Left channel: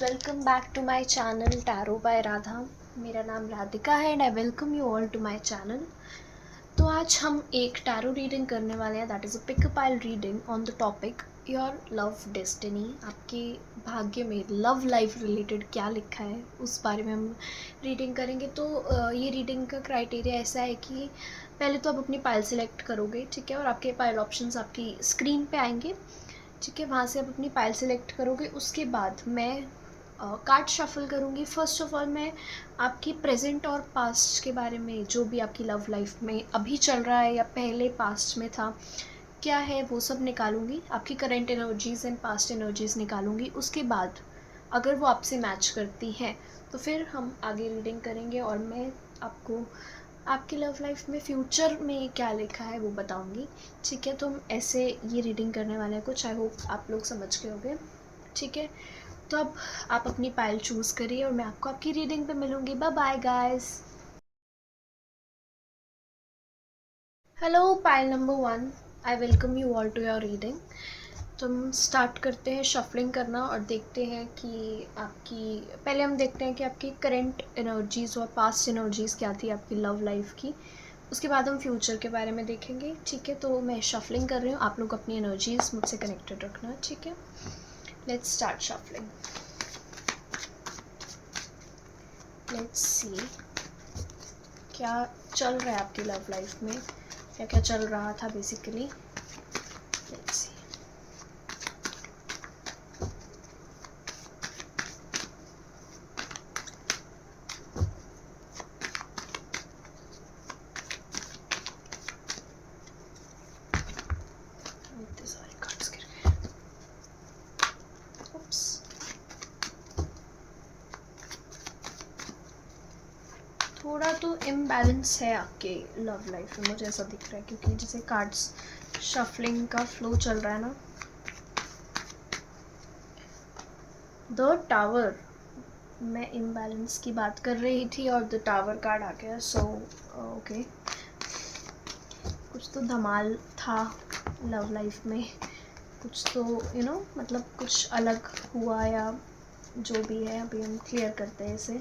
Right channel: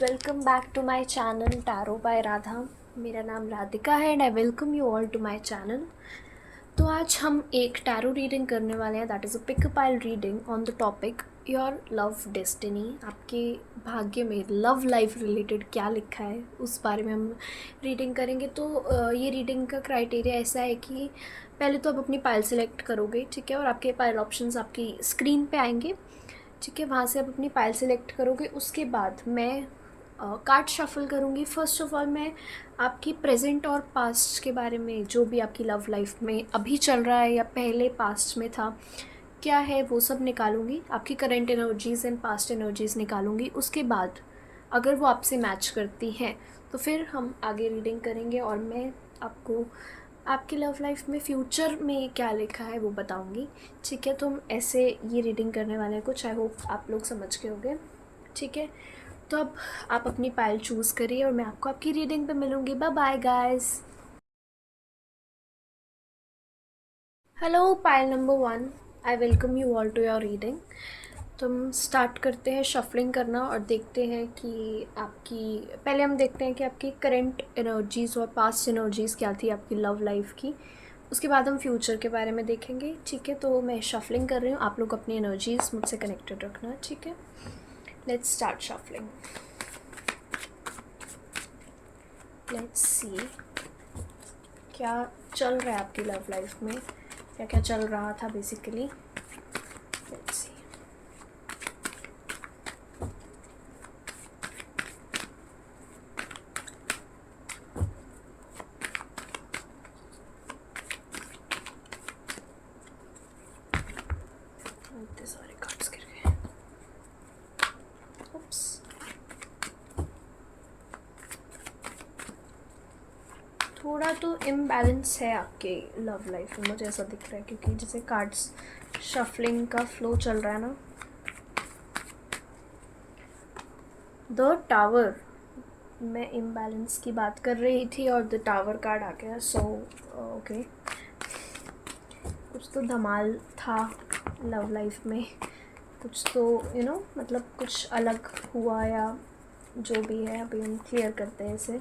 Welcome back to my channel tarot by Radha. मेरा नाम राधिका है and I welcome you all to my channel. तो आज हम एक टैरो रीडिंग करने वाले हैं, that is a pick a pile reading on the topic your love destiny. आपके भाग्य में लव लाइफ रिलेटेड क्या लिखा है उस बारे में हम रीडिंग करेंगे। तो ये रीडिंग का क्राइटेरिया ऐसा है कि पहले तो आप अपनी पाइल सेलेक्ट करोगे, ठीक है, और आपके पाइल ऑप्शंस आपकी स्क्रीन पे आएंगे, ठीक है। वहाँ से आप अपनी पाइल सेलेक्ट करोगे। उसके बाद मैं कार्ड शफल करूँगी। फर्स्ट ऑफ ऑल मैं आपकी प्रेजेंट और पास्ट के बारे में, जो भी आपकी लव लाइफ में अभी चल रहा है या पहले पास्ट में था, क्या है वो सब निकालूंगी। आपकी current energies and past energies निकालूंगी। उसके बाद अगर वो आपसे मैच करती हैं तो फिर हम आगे रीडिंग करेंगे और मैं आपको आपकी लव लाइफ में फ्यूचर में क्या लिखा है वो बताऊंगी, ठीक है। तो हम ऐसे ये रीडिंग करने वाले हैं कुछ, आई होप आप लोग समझ गए होंगे, ठीक है। तो अब आप अपनी पाइल चूज़ करिए और मैं आपको आपकी रीडिंग पे मिलूंगी। Bye bye guys. Hello pile number 1, I welcome you all to your reading. तो हम स्टार्ट करते हैं शफलिंग करना और देखते हैं कि आपकी, पहले हम देखते हैं कि आपकी करंट एनर्जीज़ और पास्ट एनर्जीज़ क्या थी आपकी लव लाइफ की। उसके बाद हम फ्यूचर के बारे में देखेंगे, ठीक है। तो मैं शफलिंग कर रही हूँ, आप लोग अपनी एनर्जीज़ मुझसे कनेक्टेड रखना, ठीक है। Let's start shuffling. Let's see क्या चल रहा है आपकी लव लाइफ में, क्या क्या चल रहा था बेसिकली। Let's see. इतने सारे कार्ड्स गिर गए। Oops. थोड़ा तो इम्बैलेंस है आपके लव लाइफ में, मुझे ऐसा दिख रहा है, क्योंकि जैसे कार्ड्स शफलिंग का फ्लो चल रहा है ना। द टावर, मैं इम्बैलेंस की बात कर रही थी और द टावर कार्ड आ गया। सो ओके, कुछ तो धमाल था लव लाइफ में, कुछ तो मतलब कुछ अलग हुआ या जो भी है। अभी हम क्लियर करते हैं इसे।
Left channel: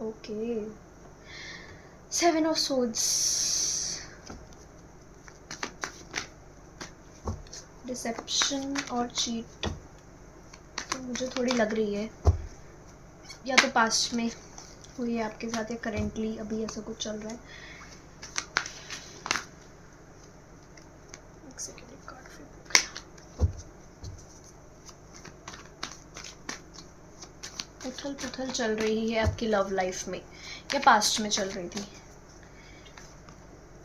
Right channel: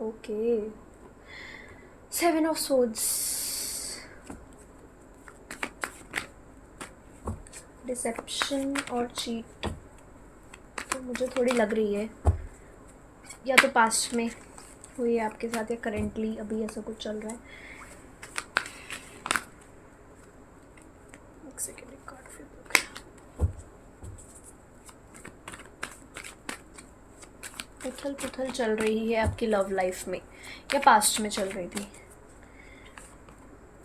ओके, 7 ऑफ सोर्ड्स, डिसेप्शन और चीट तो मुझे थोड़ी लग रही है, या तो पास्ट में हुई है आपके साथ या करेंटली अभी ऐसा कुछ चल रहा है। एक सेकेंड, एक कार्ड फ्लिप हो गया। उथल पुथल चल रही है आपकी लव लाइफ में या पास्ट में चल रही थी।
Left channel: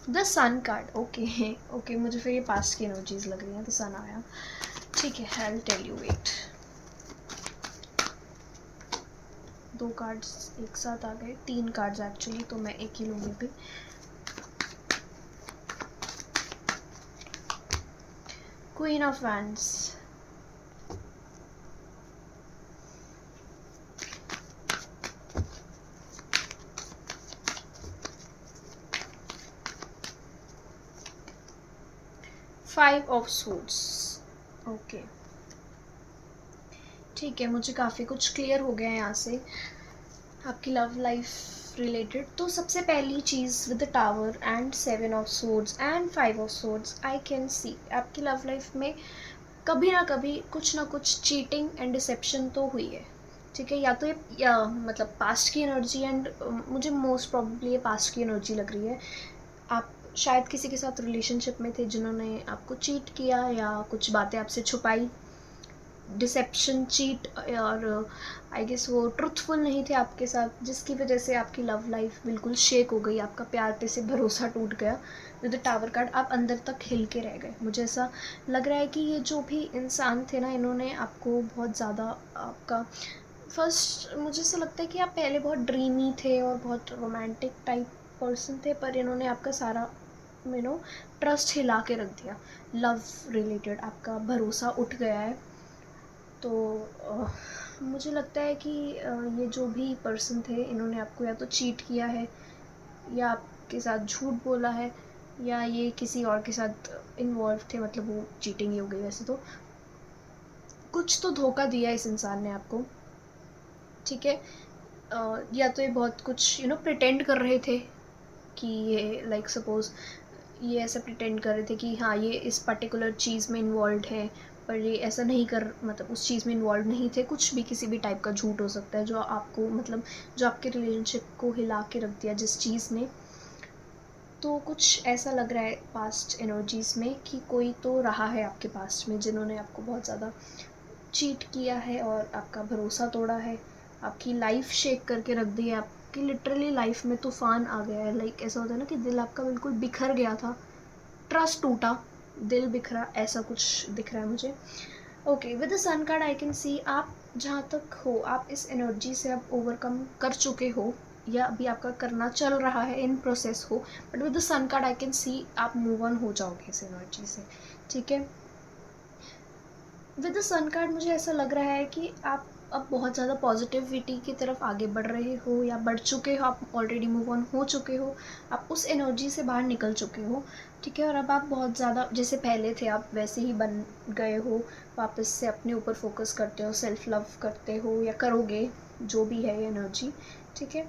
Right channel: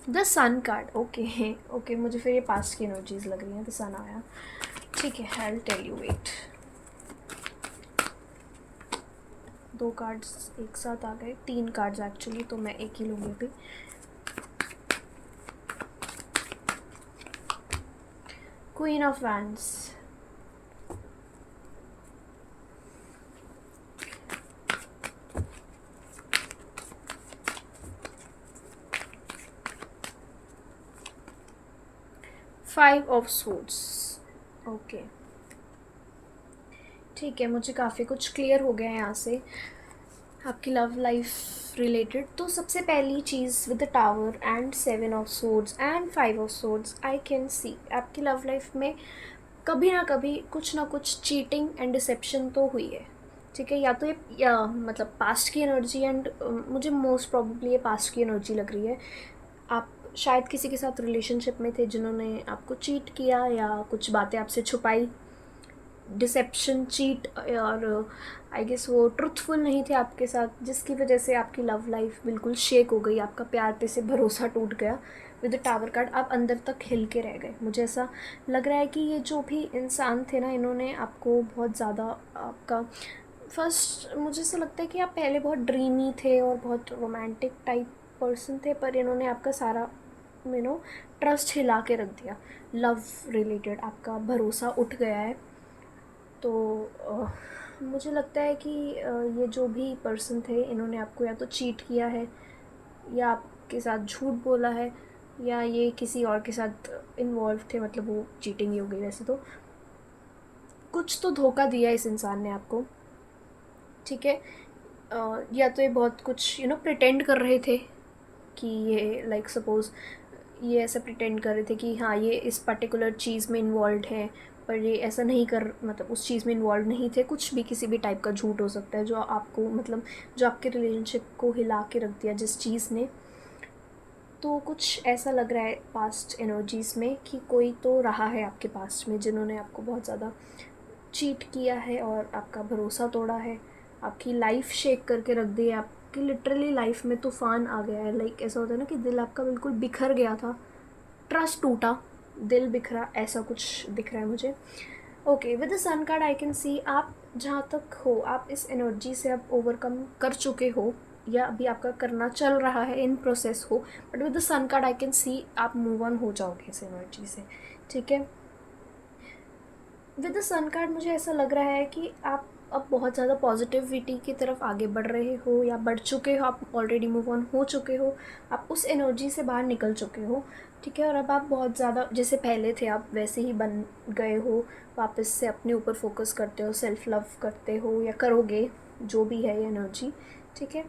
The sun card, okay okay, मुझे फिर ये पास्ट की एनर्जीज लग रही हैं। द सन आया, ठीक है। I will tell you, wait. दो कार्ड्स एक साथ आ गए, 3 कार्ड्स एक्चुअली, तो मैं एक ही लूँगी अभी। Queen of wands, five of suits, okay, ठीक है। मुझे काफ़ी कुछ क्लियर हो गया है यहाँ से आपकी लव लाइफ रिलेटेड। तो सबसे पहली चीज़, with the tower and 7 of swords and 5 of swords, I can see आपकी लव लाइफ में कभी ना कुछ चीटिंग एंड डिसेप्शन तो हुई है, ठीक है। या तो ये मतलब पास्ट की एनर्जी एंड मुझे मोस्ट प्रॉब्ली ये पास्ट की एनर्जी लग रही है। आप शायद किसी के साथ रिलेशनशिप में थे जिन्होंने आपको चीट किया या कुछ बातें आपसे छुपाई। डिसेप्शन, चीट, और आई गेस वो ट्रुथफुल नहीं थे आपके साथ, जिसकी वजह से आपकी लव लाइफ बिल्कुल शेक हो गई, आपका प्यार पे से भरोसा टूट गया। विद द टावर कार्ड आप अंदर तक हिल के रह गए। मुझे ऐसा लग रहा है कि ये जो भी इंसान थे ना, इन्होंने आपको बहुत ज़्यादा आपका फर्स्ट, मुझे ऐसा लगता है कि आप पहले बहुत ड्रीमी थे और बहुत रोमांटिक टाइप पर्सन थे, पर इन्होंने आपका सारा ट्रस्ट हिला के रख दिया। लव रिलेटेड आपका भरोसा उठ गया है। तो मुझे लगता है कि ये जो भी पर्सन थे, इन्होंने आपको या तो चीट किया है या आपके साथ झूठ बोला है, या ये किसी और के साथ इन्वॉल्व थे, मतलब वो चीटिंग ही हो गई वैसे तो। कुछ तो धोखा दिया इस इंसान ने आपको, ठीक है। या तो ये बहुत कुछ प्रिटेंड कर रहे थे कि ये लाइक सपोज़ ये ऐसा प्रिटेंड कर रहे थे कि हाँ ये इस पर्टिकुलर चीज़ में इन्वॉल्व है, पर ये ऐसा नहीं कर, मतलब उस चीज़ में इन्वॉल्व नहीं थे। कुछ भी किसी भी टाइप का झूठ हो सकता है जो आपको, मतलब जो आपके रिलेशनशिप को हिला के रख दिया जिस चीज़ ने। तो कुछ ऐसा लग रहा है पास्ट एनर्जीज़ में कि कोई तो रहा है आपके पास्ट में जिन्होंने आपको बहुत ज़्यादा चीट किया है और आपका भरोसा तोड़ा है, आपकी लाइफ शेक करके रख दी है, आपकी लिटरली लाइफ में तूफान आ गया है। लाइक ऐसा होता है ना कि दिल आपका बिल्कुल बिखर गया था, ट्रस्ट टूटा, दिल बिखरा, ऐसा कुछ दिख रहा है मुझे। Okay, with the sun card I can see आप जहाँ तक हो, आप इस एनर्जी से अब ओवरकम कर चुके हो या अभी आपका करना चल रहा है, इन प्रोसेस हो। But with the sun card I can see आप मूव ऑन हो जाओगे इस एनर्जी से, ठीक है। विद द सन कार्ड मुझे ऐसा लग रहा है कि आप अब बहुत ज़्यादा पॉजिटिविटी की तरफ आगे बढ़ रहे हो या बढ़ चुके हो, आप ऑलरेडी मूव ऑन हो चुके हो, आप उस एनर्जी से बाहर निकल चुके हो, ठीक है। और अब आप बहुत ज़्यादा जैसे पहले थे आप वैसे ही बन गए हो, वापस से अपने ऊपर फोकस करते हो, सेल्फ लव करते हो या करोगे, जो भी है ये एनर्जी, ठीक है।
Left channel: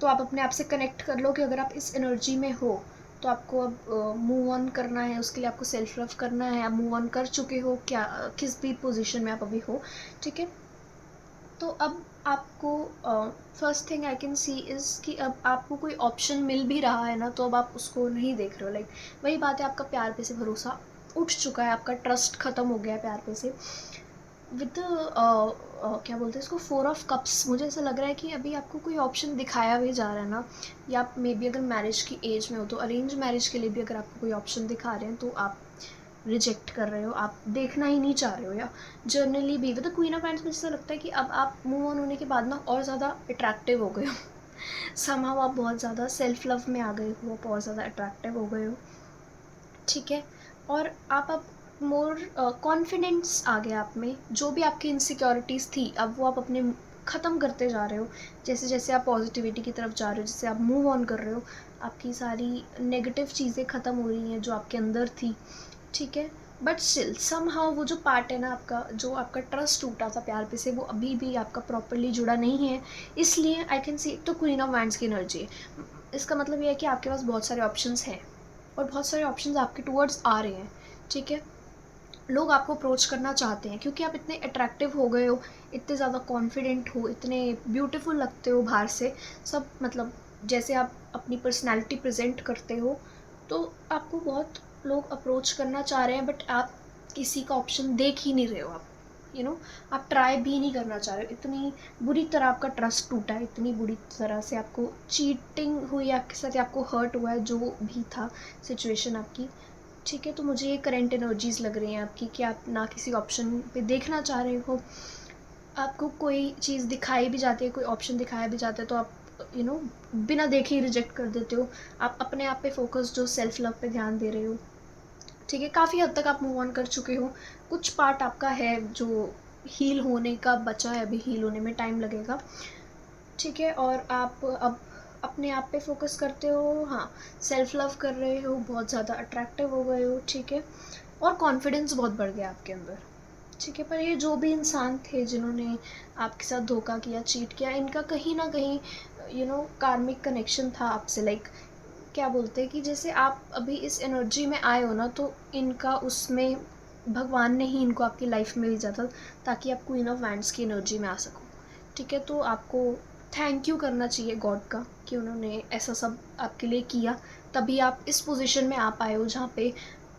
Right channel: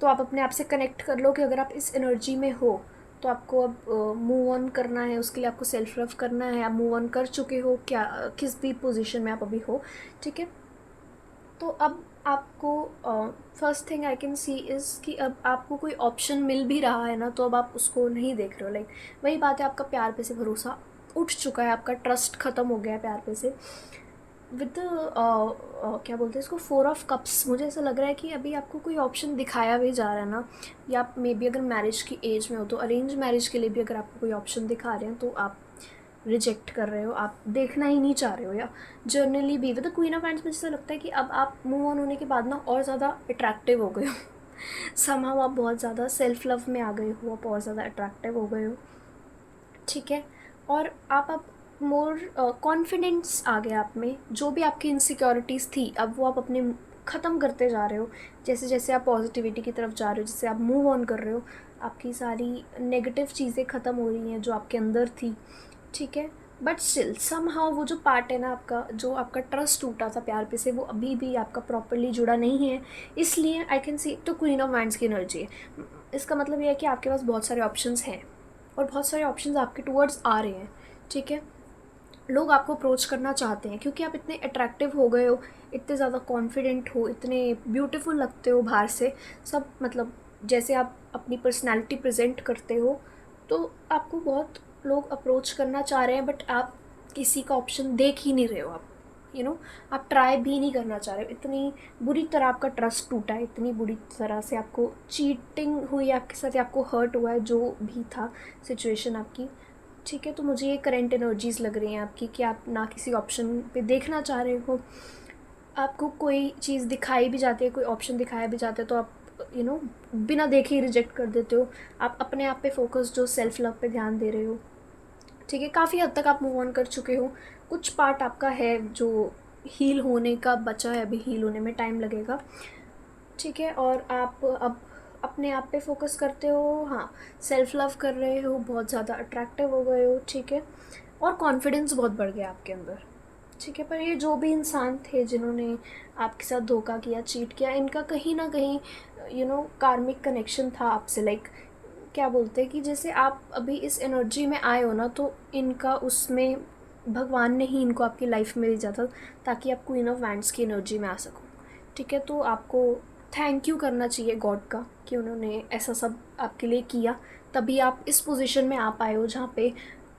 तो आप अपने आप से कनेक्ट कर लो कि अगर आप इस एनर्जी में हो तो आपको अब मूव ऑन करना है, उसके लिए आपको सेल्फ लव करना है। आप मूव ऑन कर चुके हो क्या, किस भी पोजीशन में आप अभी हो, ठीक है। तो अब आपको first thing I can C is कि अब आपको कोई ऑप्शन मिल भी रहा है ना, तो अब आप उसको नहीं देख रहे हो। लाइक वही बात है, आपका प्यार पे से भरोसा उठ चुका है, आपका ट्रस्ट ख़त्म हो गया है प्यार पे से। विद क्या बोलते हैं इसको, 4 ऑफ कप्स, मुझे ऐसा लग रहा है कि अभी आपको कोई ऑप्शन दिखाया भी जा रहा है ना, या आप मे बी अगर मैरिज की एज में हो तो अरेंज मैरिज के लिए भी अगर आपको कोई ऑप्शन दिखा रहे हैं तो आप रिजेक्ट कर रहे हो, आप देखना ही नहीं चाह रहे हो। या जर्नली भी with the queen of hands में ऐसा लगता है कि अब आप मूव ऑन होने के बाद ना और ज़्यादा अट्रैक्टिव हो गए हो समहाउ आप बहुत ज़्यादा सेल्फ लव में आ गए हो, आप और ज़्यादा अट्रैक्टिव हो गए हो, ठीक है। और आप अब मोर कॉन्फिडेंस आ गया आप में, जो भी आपकी इनसिक्योरिटीज़ थी अब वो आप अपने ख़त्म करते जा रहे हो। जैसे जैसे आप पॉजिटिविटी की तरफ जा रहे हो, जैसे आप मूव ऑन कर रहे हो, आपकी सारी नेगेटिव चीज़ें ख़त्म हो रही हैं जो आपके अंदर थी, ठीक है। बट स्टिल समहाउ वो जो पार्ट है ना आपका, जो आपका ट्रस्ट टूटा था प्यार पे से, वो अभी भी आपका प्रॉपरली जुड़ा नहीं है। इसलिए आई कैन सी तो क्वीन ऑफ वांड्स की एनर्जी है। इसका मतलब ये है कि आपके पास बहुत सारे ऑप्शंस हैं और बहुत सारे ऑप्शंस आपके टूवर्ड्स आ रहे हैं, ठीक है। लोग आपको अप्रोच करना चाहते हैं क्योंकि आप इतने अट्रैक्टिव हो गए हो, इतने ज़्यादा कॉन्फिडेंट हो, इतने ब्यूटीफुल लगते हो बाहर से, सब मतलब जैसे आप अपनी पर्सनैलिटी प्रेजेंट करते हो, तो आपको बहुत लोग अप्रोच करना चाह रहे हैं। बट आप किसी का ऑप्शन देख ही नहीं रहे हो, आप आप ट्राई भी नहीं करना चाह रहे हो। इतनी बुरी तरह आपका ट्रस्ट टूटा है, इतनी बुरी तरह से आपको चीटिंग हुई आपके साथ या आपको हर्ट हुआ है, जो भी था सिचुएशन आपकी, ठीक है। तो मुझे ये करंट एनर्जीज़ लग रही हैं आपकी कि आप ना किसी ऑप्शन पे देखना चाह रहे हो, आपको कोई चीज़ दिखाई भी जाती है, कोई ऑप्शन दिखाया भी जाता है तो आप बिना देखे ही रिजेक्ट कर देते हो। आप अपने आप पे फोकस, जो सेल्फ लव पे ध्यान दे रहे हो, ठीक है। काफ़ी हद तक आप मूव ऑन कर चुके हो, कुछ पार्ट आपका है जो हील होने का बचा है, अभी हील होने में टाइम लगेगा, ठीक है। और आप अब अपने आप पे फोकस करते हो, हाँ, सेल्फ लव कर रहे हो, बहुत ज़्यादा अट्रैक्टिव हो गए हो, ठीक है। और कॉन्फिडेंस बहुत बढ़ गया आपके अंदर, ठीक है। पर ये जो भी इंसान थे जिन्होंने आपके साथ धोखा किया, चीट किया, इनका कहीं ना कहीं कार्मिक कनेक्शन था आपसे। लाइक क्या बोलते हैं कि जैसे आप अभी इस एनर्जी में आए हो ना, तो इनका उसमें भगवान ने ही इनको आपकी लाइफ में भेजा था ताकि आप क्वीन ऑफ वैंड्स की एनर्जी में आ सको, ठीक है। तो आपको थैंक यू करना चाहिए गॉड का कि उन्होंने ऐसा सब आपके लिए किया, तभी आप इस पोजीशन में आ पाए हो जहाँ पे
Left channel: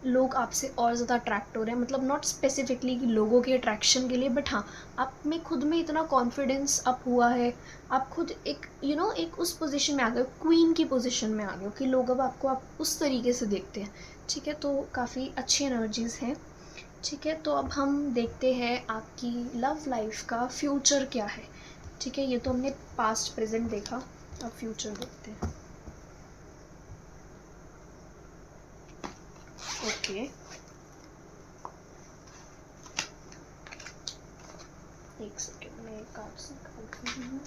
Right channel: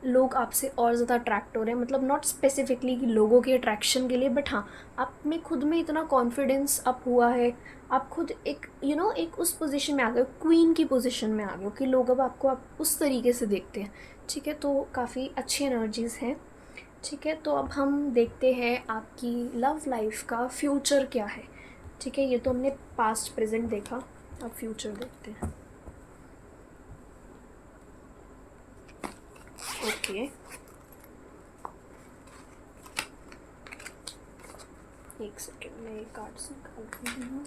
लोग आपसे और ज़्यादा अट्रैक्ट हो रहे हैं। मतलब नॉट स्पेसिफिकली कि लोगों के अट्रैक्शन के लिए, बट हाँ, आप में खुद में इतना कॉन्फिडेंस अप हुआ है, आप खुद एक एक उस पोजीशन में आ गए हो, क्वीन की पोजीशन में आ गए हो कि लोग अब आपको आप उस तरीके से देखते हैं, ठीक है। तो काफ़ी अच्छी एनर्जीज़ हैं, ठीक है। तो अब हम देखते हैं आपकी लव लाइफ का फ्यूचर क्या है, ठीक है। ये तो हमने पास्ट प्रेजेंट देखा, अब फ्यूचर देखते हैं। ओके, एक सेकेंड में कार्ड्स निकाल रही हूँ।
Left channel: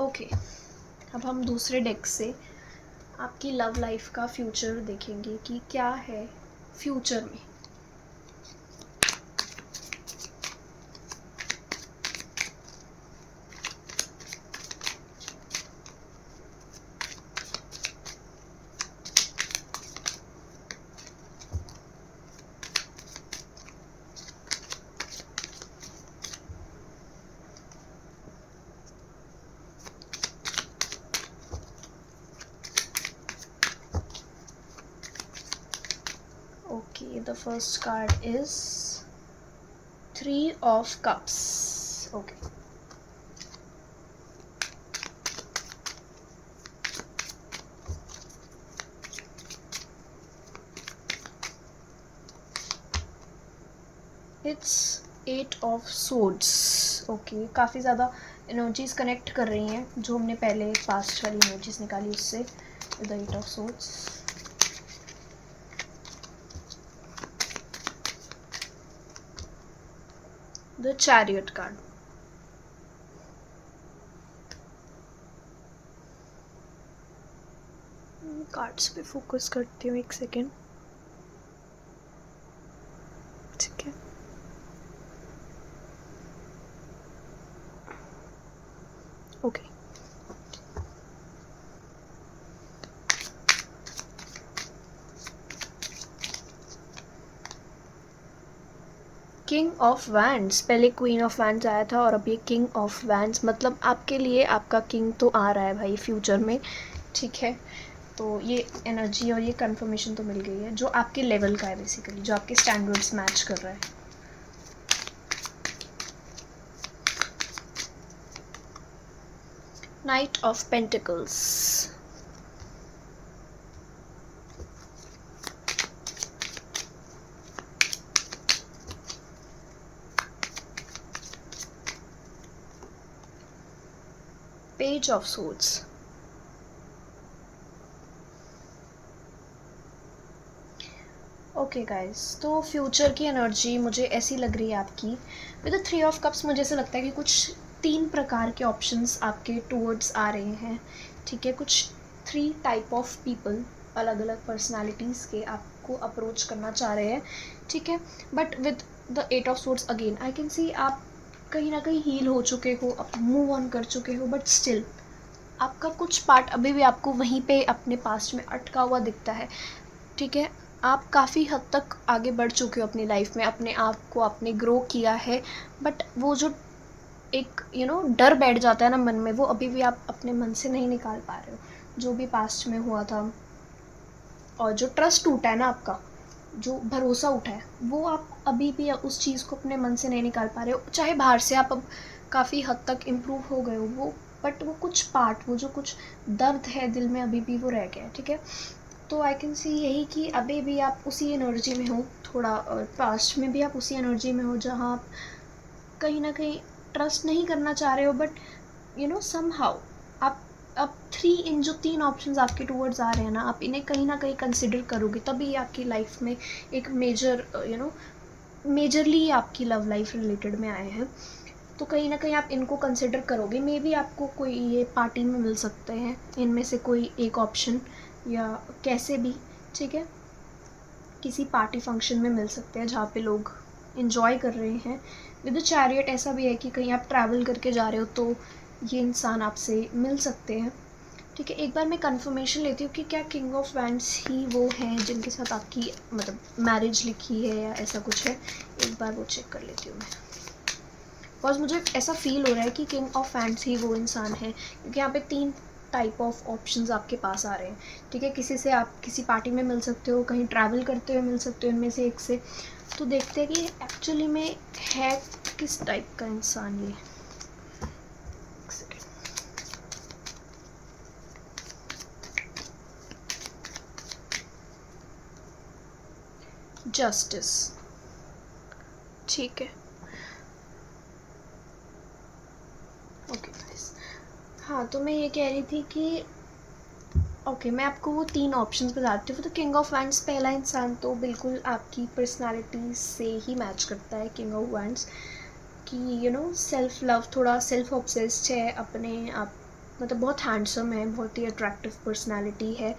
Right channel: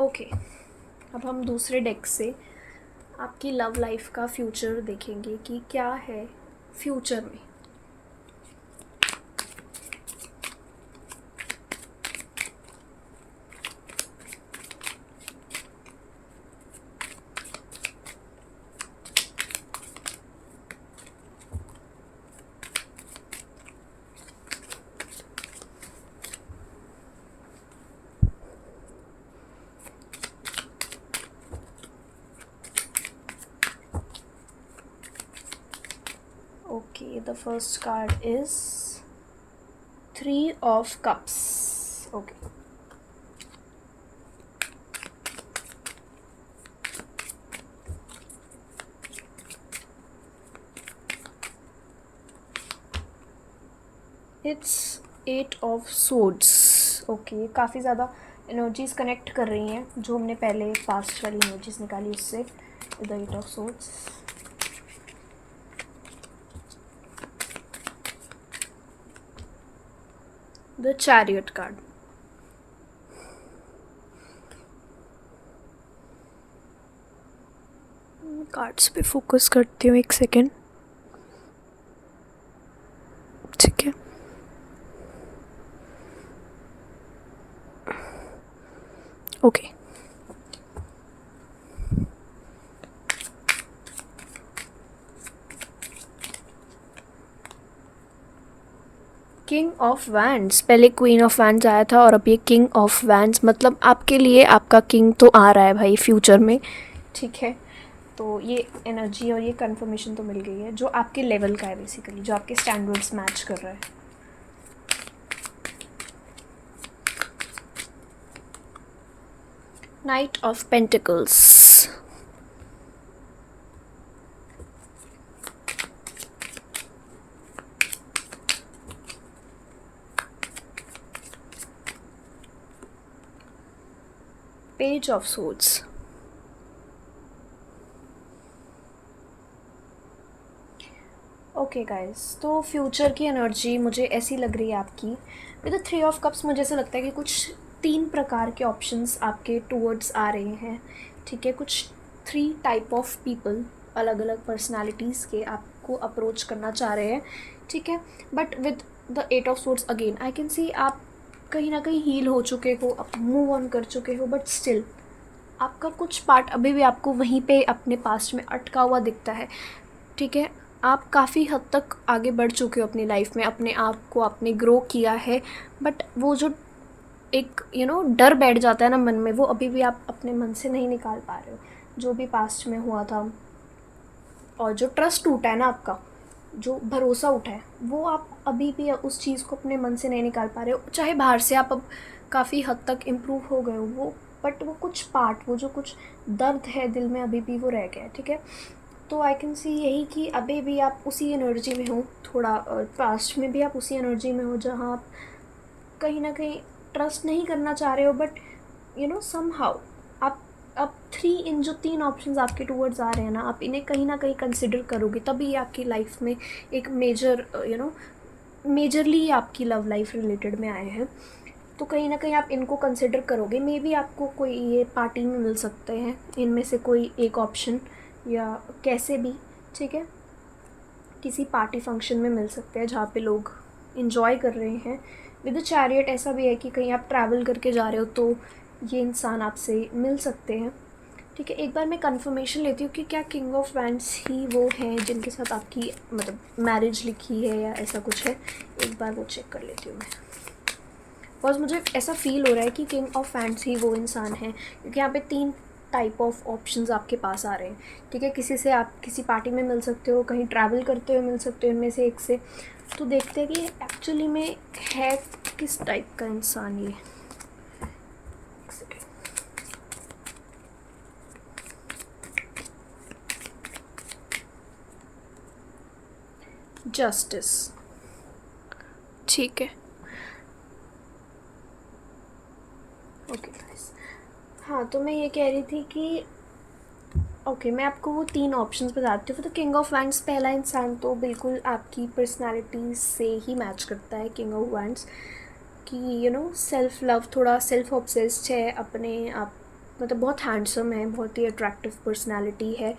ओके, अब हम दूसरे डेक से आपकी लव लाइफ का फ्यूचर देखेंगे कि क्या है फ्यूचर में। Okay, the first card is Three of Cups. Okay. It's Eight of Swords. Okay, काफ़ी ज़्यादा एनर्जीज कनेक्ट कर रही हैं जो हमने पहले पास्ट वाली एनर्जीज निकाली उससे। The eight of swords, the chariot card, cards पे फोकस करती हूँ एक सेकेंड। ठीक है, ओके। किंग ऑफ वैंड्स, पहले क्वीन ऑफ वैंड्स आया था और अब ये किंग ऑफ वैंड्स, मतलब आपके लिए आपका किंग तो आ रहा है भाई फ्यूचर में। ठीक है, तो ये एनर्जी और ये कंफर्मेशन तो मिल गई है जो आपके लेवल का है बेसिकली, जो आपके स्टैंडर्ड्स मैच कर रहा है। Night of pentacles, page of swords, okay guys, तो फ्यूचर की एनर्जी मुझे ऐसी लग रही है आपकी with the three of cups. मुझे ऐसा लगता है कि कुछ 3 प्रकार के ऑप्शंस आपके टूवर्ड्स आ रहे हैं। ठीक है, कुछ 3 टाइप ऑफ पीपल, अलग अलग पर्सनालिटीज़ के आपको अप्रोच करना चाह रहे हैं। ठीक है, but with the eight of swords again I can see आप कहीं ना कहीं हील हो चुके हो, आप मूव ऑन कर चुके हो, बट स्टिल आपका कुछ पार्ट अभी भी आपको वहीं पे अपने पास्ट में अटका हुआ दिखता है। ठीक है, आप काफ़ी हद तक आगे बढ़ चुके हो अपनी लाइफ में, अपने आप को आपने ग्रो किया है, बट वो जो एक डर बैठ जाता है ना मन में, वो अभी भी आप अपने मन से नहीं निकाल पा रहे हो। जो भी पास्ट में हुआ था और जो ट्रस्ट टूटा है ना आपका, जो भरोसा उठा है, वो आप अभी भी उस चीज़ को अपने मन से नहीं निकाल पा रहे हो। चाहे बाहर से आप अब काफ़ी हद तक इम्प्रूव हो गए हो वो, बट वो कुछ पार्ट, वो जो कुछ दर्द है दिल में अभी भी वो रह गया है। ठीक है, तो आई कैन सी यही कि अभी भी आप उसी एनर्जी में हो, थोड़ा पास्ट में भी आप उसी एनर्जी में हो जहाँ आप कहीं ना कहीं ट्रस्ट नहीं करना चाह रहे हो, बट समहाउ आप अब 3 इन जो 3 ऑप्शंस आपके टूवर्ड्स आ रहे हैं ना, आप इन्हें कहीं ना कहीं कंसिडर करोगे तभी आपकी लाइफ में एक मेजरली आपकी लव लाइफ रिलेटेड में आए हैं। तो कहीं ना कहीं आप इनको कंसिडर करोगे। मे बी आपको कोई ये पार्टी में मिल सकते हैं इनमें से कोई एक ऑप्शन, या कैसे भी। ठीक है, किसी पार्टी फंक्शन में मिल सकते हैं जहाँ पे लोग इन्जॉय कर रहे हैं। विद द चैरियट ऐसा भी है कि कहीं आप ट्रैवल करके जा रहे हो तो ये इंसान आपसे मिल सकते हैं। ठीक है, एक बार मैं कंफर्मेशन लेती हूँ कि क्या किंग ऑफ वैंड्स ही वो हैं जिनके साथ आपकी मतलब मैरिज लिखी है या ऐसा कुछ है। एक बार वो चेक कर लेती हूँ मैं, बिकॉज मुझे ऐसा फील हो रहा है कि किंग ऑफ वैंड्स ही वो इंसान है, क्योंकि यहाँ पे 3 टाइप ऑफ ऑप्शंस आपके पास आ रहे हैं। ठीक है, किसी से आप किसी पार्टी में मिल सकते हो, कहीं ट्रैवल करते हुए मिल सकते हो, इनमें से एक से। तो देखते हैं कि एक्चुअली में है किस टाइप का इंसान ये। जस्टिस, ठीक है, ओके गाइस। हाँ, तो मैं ये कह रही थी कि ओके, मैं आपको वो 3 ऑप्शंस बताती हूँ। तो किंग ऑफ वैंड्स पहला इंसान तो बिल्कुल आपकी पर्सनालिटी से ही मैच करता है। किंग ऑफ वैंड्स कि सेल्फ लव, थोड़ा सेल्फ ऑब्सेस्ड है, अपने आप मतलब बहुत हैंडसम है, बहुत ही अट्रैक्टिव पर्सनालिटी है,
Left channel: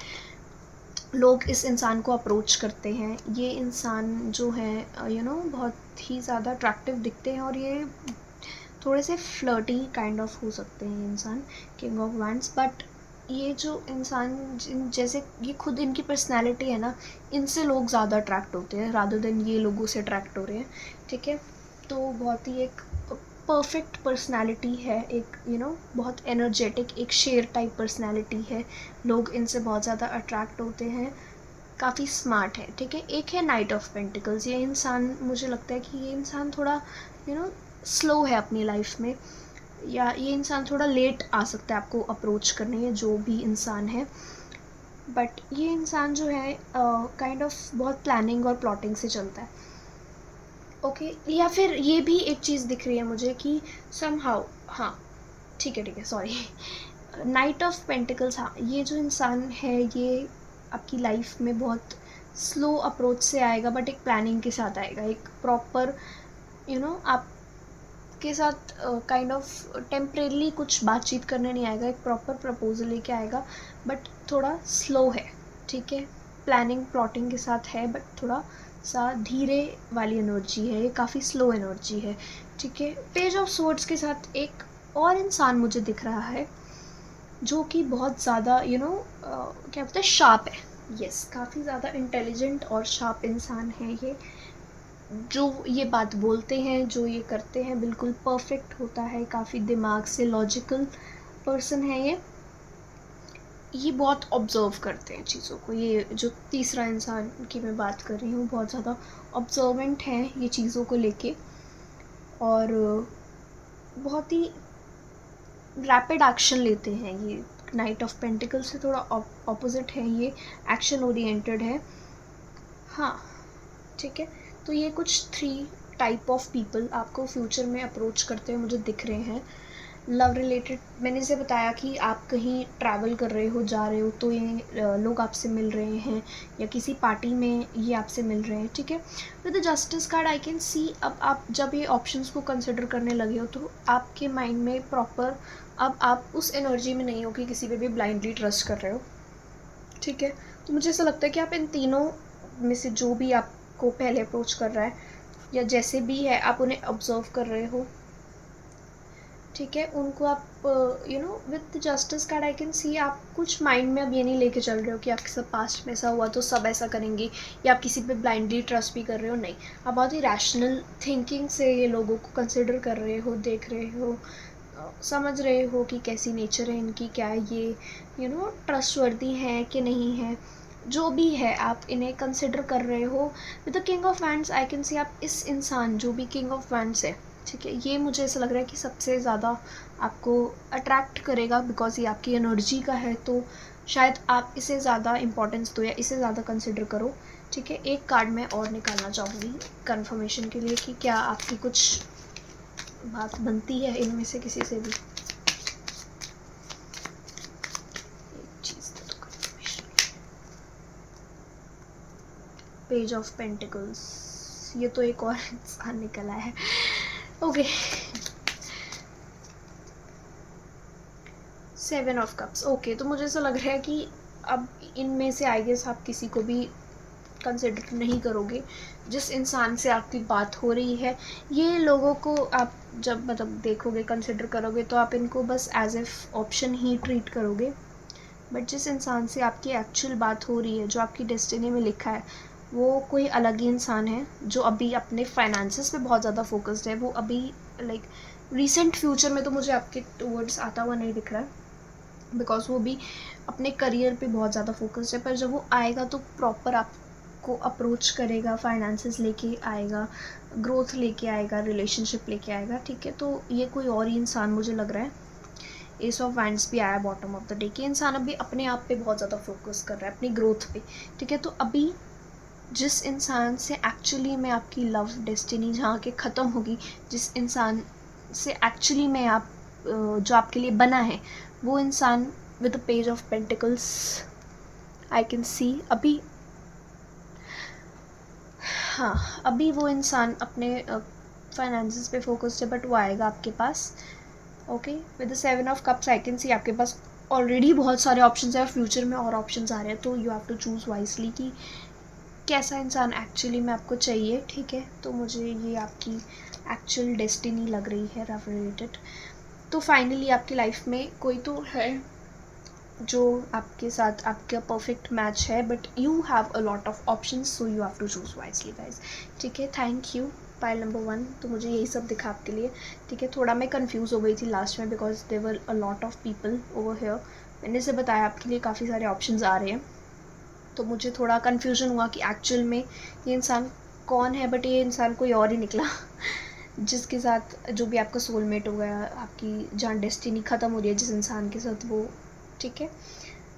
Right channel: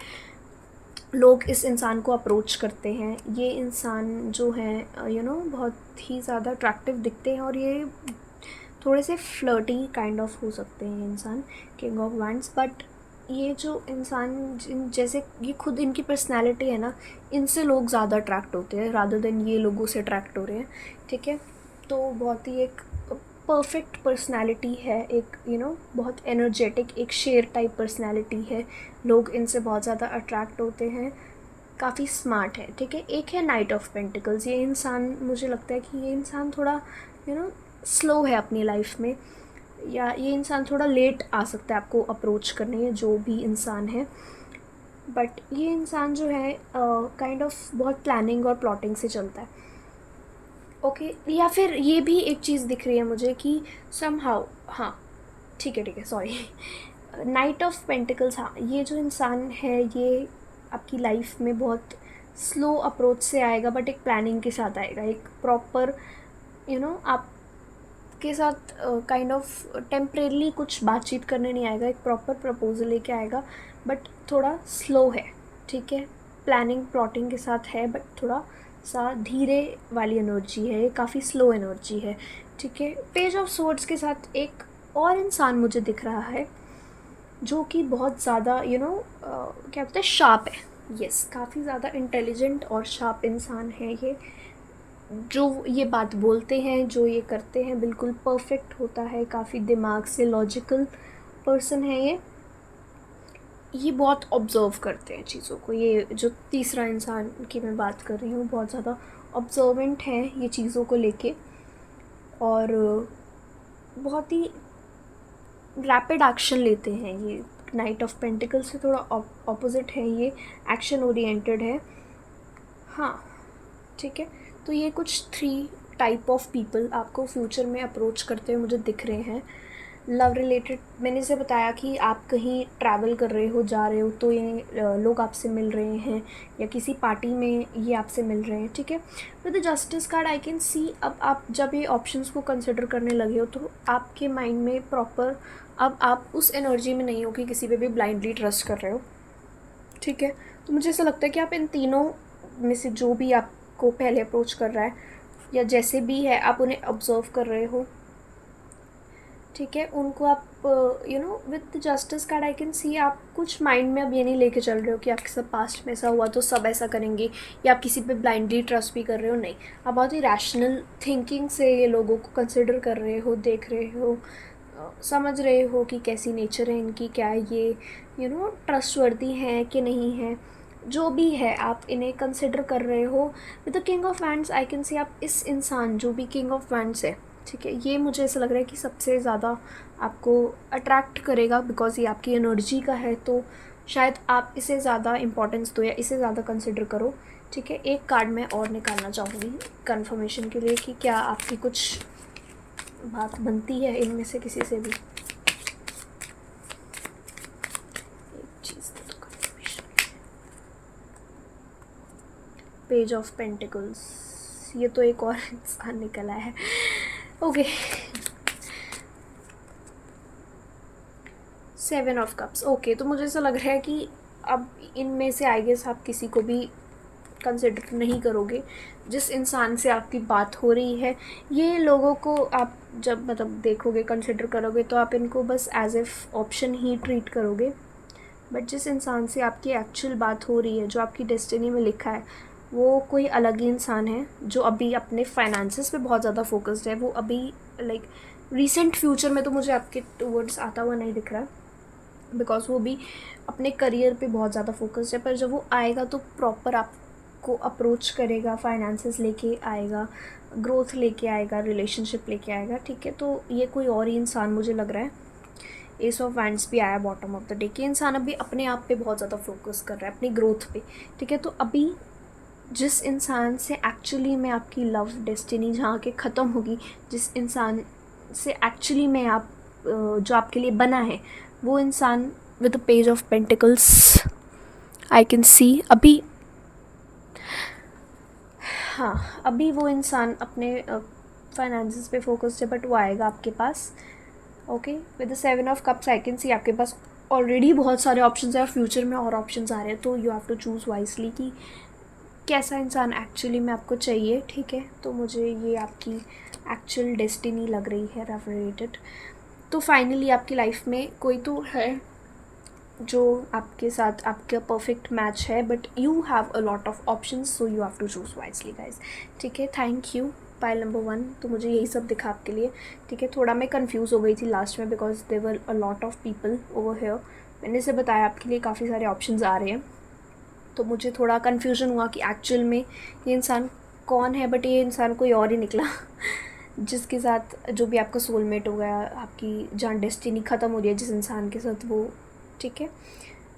लोग इस इंसान को अप्रोच करते हैं। ये इंसान जो है बहुत ही ज़्यादा अट्रैक्टिव दिखते हैं और ये थोड़े से फ्लर्टी काइंड ऑफ हो सकते हैं इंसान, किंग ऑफ वैंड्स। बट ये जो इंसान जैसे ये खुद इनकी पर्सनैलिटी है ना, इनसे लोग ज़्यादा अट्रैक्ट होते हैं रादर देन ये लोगों से अट्रैक्ट हो रहे हैं, ठीक है। तो बहुत ही एक परफेक्ट पर्सनैलिटी है, एक बहुत एनर्जेटिक, एक शेर टाइप पर्सनैलिटी है, लोग इनसे बहुत ज़्यादा अट्रैक्ट होते हैं, काफ़ी स्मार्ट है, ठीक है। एक है नाइट ऑफ पेंटिकल्स। ये इंसान, मुझे लगता है कि ये इंसान थोड़ा स्लो है अपनी लाइफ में, या ये इंसान थोड़ा लेट आ सकता है आपको अप्रोच करने, या जो भी इंसान है। बट ये इंसान जो है काइंड ऑफ बहुत प्लानिंग और प्लॉटिंग से चलता है, ओके। या फिर ये भी एक चीज़ दिख रही है मुझे कि समहाउ, हाँ ठीक है सॉरी, नाइट ऑफ पेंटिकल्स, हाँ ये जो इंसान है ये आपकी लाइफ में बहुत स्लो अप्रोच से आएगा, बट एक प्लानिंग के साथ आएगा, एक प्रॉपर आपके साथ काइंड ऑफ टेम्परेली कुछ बातचीत करने नहीं आएगा, एक प्रॉपर प्रपोजल लेके आएगा, बट थोड़ा स्लो है, ठीक है। प्लानिंग प्लॉटिंग के साथ है, बट थोड़ा सा धीरे वाली एनर्जी है, ये काफ़ी स्लो एनर्जी है, ठीक है। पेज ऑफ सोर्ड्स के साथ एक और इंसान मुझे दिख रहा है जो कि बहुत ज़्यादा क्या बोलते हैं, शार्प है। यस, काफ़ी ज़्यादा इंटेलिजेंट और शार्प इंसान है ये, जो ये बात बोलते हैं, जो ये करते हैं, बिल्कुल परफेक्ट होता है, काफ़ी दिमाग से लॉजिकल पर्सन है ये बहुत ऑब्ज़र्व करते हैं चीज़ों को। ये जो तीसरा इंसान की मैं बात कर रही हूँ बहुत ज़्यादा ऑब्जर्वेंट है ये चीज़ों को लेके, और बहुत ही रैपिड एक्शन लेते हैं ये। नाइट ऑफ पेंटिकल से थोड़ा ऑपोजिट है ये, एक्शन ओरिएंटेड है, हाँ ठीक है। तो ये कुछ 3 टाइप ऑफ पीपल आपको फ्यूचर में अप्रोच करते हुए मुझे दिख रहे हैं। लव रिलेटेड, मैंने इसे बताया कि आप कहीं ट्रैवल कर रहे हो, जा रहे हो, तो ये लोग आपसे मिल रहे हैं, या किसी पार्टी में ये आपसे मिल रहे हैं, ठीक है। With the justice card I can सी, अब आप जब ये ऑप्शंस को कंसिडर करने लगे हो तो आपके माइंड में प्रॉपर, अब आप उस एनर्जी में नहीं हो कि किसी पे भी ब्लाइंडली ट्रस्ट कर रहे हो, ठीक है। तो मुझे ऐसा लगता है कि आप इन तीनों में से जो भी आपको पहले अप्रोच कर रहा है, या जैसे भी है, आप उन्हें ऑब्जर्व कर रहे हो, ठीक है। उनको आप with justice card I can see, आप कुछ माइंड में अब ये नहीं लेके चल रहे हो कि आपके साथ पास्ट में ऐसा हुआ तो सब ऐसा करेंगे, या आप किसी पे ब्लाइंडली ट्रस्ट भी कर रहे हो, नहीं। आप बहुत ही रैशनल थिंकिंग से ये लोगों को कंसिडर कर रहे हो, देख रहे हो, समझ रहे हो कि कैसी नेचर है इनकी, क्या है ये ट्रस्टवर्दी हैं कि नहीं है, जो भी है आप इन्हें कंसिडर कर रहे हो। With the king of wands I can see, आप इस इंसान जो भी किंग ऑफ वैंड्स है, ठीक है, ये मुझे ऐसा लग रहा है कि सबसे ज़्यादा आपको अट्रैक्ट करेगा, बिकॉज ये आपकी एनर्जी का है, तो शायद आप इसे ज़्यादा इंपॉर्टेंस दो या इसे ज़्यादा कंसिडर करो, ठीक है। एक कार्ड मैं और निकालना चाहूँगी कंफर्मेशन के लिए कि क्या आपकी कुछ बात बनती है इनमें से किसी से भी। एक चीज़ दे दो कंफर्मेशन। पेज ऑफ पेंटिकल्स, ये तो एक और इंसान निकला है, ओके। 7 of cups, okay. तो मुझे ऐसा लग रहा है कि अब इनमें से आई गेस आप किसी को भी कंसिडर नहीं करोगे। जिस इंसान से आपकी बात हो रही है, ये लोगों को आप जब मतलब देखोगे, कंसिडर करोगे, तो आप इनको बस एज एफ ऑप्शन ही ट्रीट करोगे। बट जिस इंसान से आपकी एक्चुअल बात हो रही है, जो आपकी डेस्टिनी में लिखा है, वो कोई अलग ही इंसान है, जो अभी अपने फाइनेंसेस पे बहुत ज़्यादा फोकस्ड है। वो अभी लाइक रिसेंट फ्यूचर में तो मुझे आपके टूवर्ड्स आता हुआ नहीं दिख रहा, बिकॉज वो भी अपने करियर पे बहुत ज़्यादा फोकस्ड है। पर जब वो आएगा तो प्रॉपर आपको अप्रोच करेगा, फाइनेंसेस लेके आएगा, ग्रोथ लेके आएगा, रिलेशनशिप लेके आएगा, ठीक है। तो ये कोई और ही इंसान मुझे लग रहा है। एस ऑफ वैंड्स भी आया बॉटम ऑफ द डे, कि इंसान अभी अपने आप पे बहुत ज़्यादा फोकस कर रहा है, अपनी ग्रोथ पे, ठीक है। तो अभी जिस इंसान से एक्चुअली में आपकी लव डेस्टिनी जहाँ के ख़त्म होगी, जिस इंसान से एक्चुअली में आप जो आपके लिए बना है, वो इंसान with the page of pentacles I can सी, अभी हाँ, अभी वो इंसान अपने फाइनेंसेस पे फोकस्ड है, बट वो आएगा आपके पास okay, with the 7 of Cups I can see आपके पास ऑलरेडी बहुत सारे ऑप्शंस हैं, फ्यूचर में और ऑप्शंस आ रहे हैं, तो you have to choose wisely कि कैसा इंसान एक्चुअली में आपको चाहिए, ठीक है। तो मुझे ये आपकी एक्चुअल डेस्टिनी लग रही है लव रिलेटेड। तो फाइनली आपकी लाइफ में कोई तो है जो आपके साथ आपका परफेक्ट मैच है, but you have a lot of options, so you have to choose wisely guys, ठीक है। Thank you pile number 1। तो मुझे यही सब दिखा आपके लिए, ठीक है। थोड़ा मैं कंफ्यूज हो गई थी लास्ट में because there were a lot of people over here. मैंने से बताया आपके लिए काफ़ी सारे ऑप्शंस आ रहे हैं, तो मुझे थोड़ा कन्फ्यूजन हुआ कि एक्चुअल में ये इंसान कौन है, बट ये इंसान कोई और ही निकला जिसके साथ जो भी आपका सोलमेट हो गया, आपकी जहाँ डेस्टिनी ख़त्म हो रही है जिस इंसान के साथ, वो, ठीक है।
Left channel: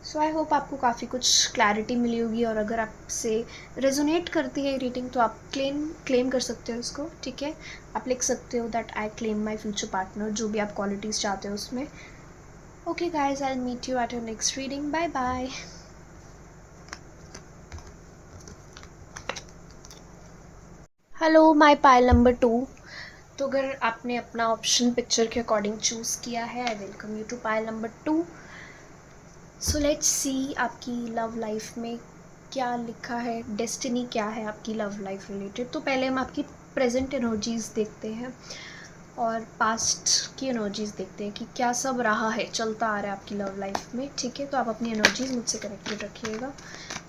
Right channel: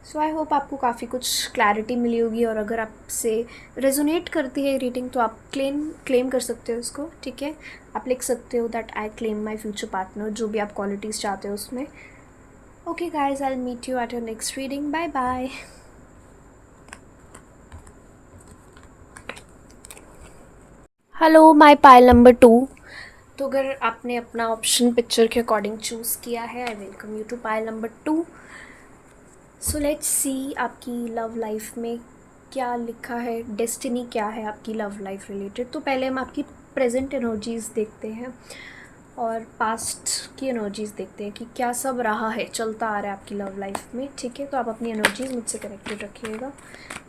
सो आई होप आपको काफ़ी कुछ क्लैरिटी मिली होगी, और अगर आपसे रेजोनेट करती है रीडिंग तो आप क्लेम कर सकते हो उसको, ठीक है। आप लिख सकते हो that I claim my future partner, जो भी आप क्वालिटीज़ चाहते हो उसमें। Okay guys, I will meet you at your next reading. Bye bye. Hello my pile number 2। तो अगर आपने अपना ऑप्शन पिक्चर के अकॉर्डिंग चूज़ किया है, I welcome you to pile number 2। So let's see आपकी लव लाइफ में क्या लिखा है, डेस्टिनी क्या है आपकी लव लाइफ रिलेटेड। तो पहले हम आपकी प्रेजेंट एनर्जीज़ देखते हैं और पास्ट की एनर्जीज़ देखते हैं कि क्या सब रहा है, चलता आ रहा है आपकी लव लाइफ में, ठीक है। तो आप अपनी एनर्जीज़ मुझसे कनेक्टेड रखिएगा।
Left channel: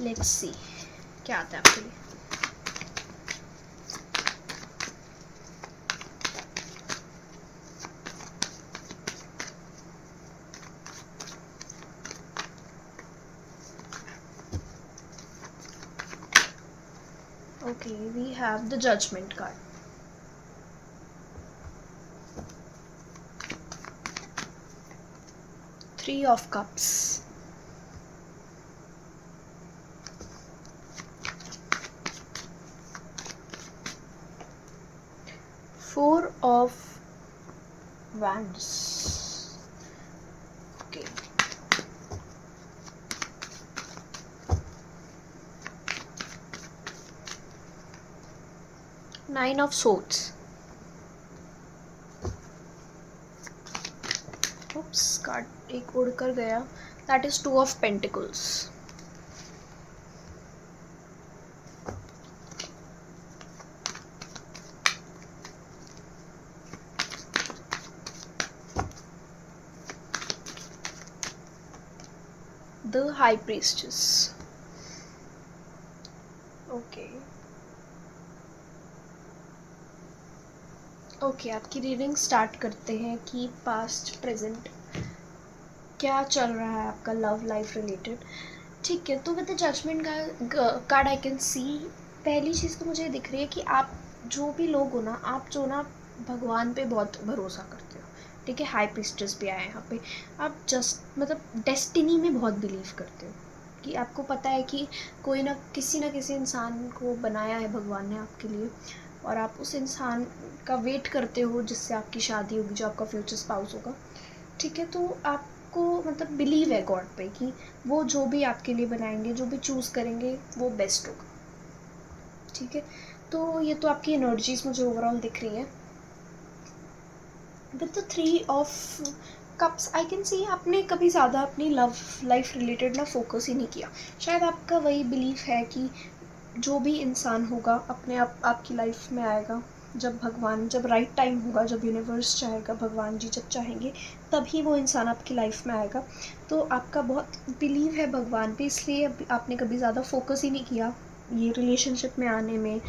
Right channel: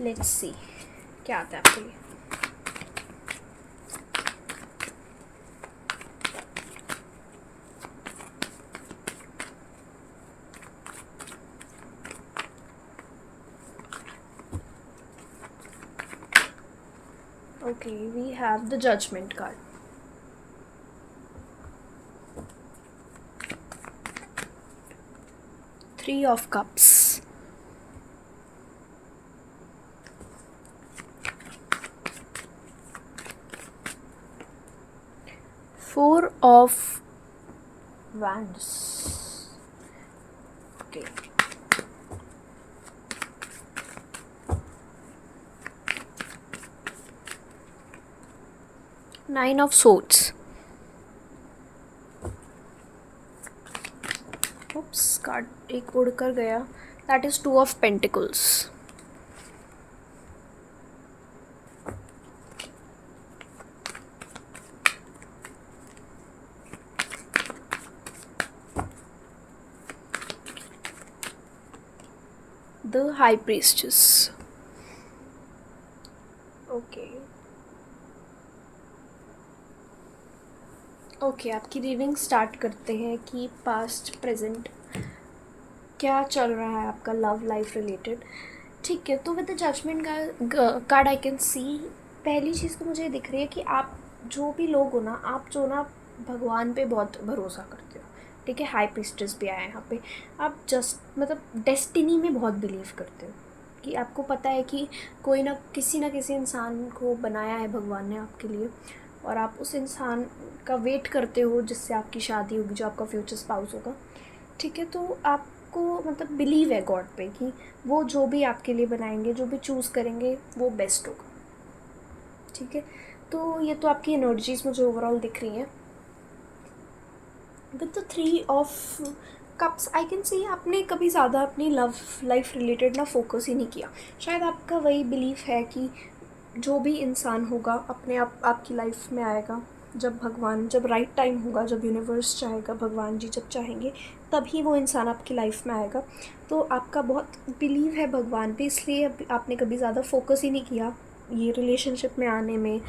लेट्स सी क्या आता है आपके लिए। Okay, we have the Judgment card. Three of Cups. Four of Wands. Okay. Nine of Swords. Oops, card एक उड़ कर गया. That is Two of Pentacles. The High Priestess. Okay. Okay, आपकी रीडिंग स्टार्ट करते हैं कि पास्ट प्रेजेंट क्या चल रहा है आपका लव लाइफ रिलेटेड, ठीक है। तो with the judgement card I can see, पहली चीज़ तो मुझे दिख रही है कि आप जो भी लोग हो ना, आप जो ना भगवान पे बहुत भरोसा करते हो, ठीक है। हाई प्रीस्टेस भी आया है यहाँ पे। आप जस्ट मतलब डेस्टिनी में बहुत बिलीव करते हो कि आपको पता है कि कोई ना किसी इंसान को बनाया है भगवान ने आपके लिए, और आप उस इंसान का वेट करते हो जिससे आपकी शादी होगी, जो आपका फ्यूचर स्पाउस होगा, ठीक है। तो आपको मतलब बिलीव है गॉड पे कि वो जो भी आपके लिए बनाएंगे, जो भी चूज़ करेंगे, वो बेस्ट होगा, ठीक है। तो ये तो आपकी एनर्जीज मुझे ओवरऑल दिख रही हैं। With the 3 of Cups I can सी, आपने कभी ज़्यादा अपनी लव लाइफ रिलेटेड ना फोकस ही नहीं किया। शायद आपका वही बिलीफ है कि जो भी इंसान होगा अपने आप आपकी लाइफ में आएगा, जब भगवान, जब राइट टाइम होगा, जब यूनिवर्स चाहेगा, भगवान जी जब चाहेंगे तभी वो इंसान आपकी लाइफ में आएगा। तो आपका बहुत बिलीव है भगवान पे, इसलिए आपने कभी ज़्यादा फोकस ही नहीं किया ये रिलेशनशिप में आने में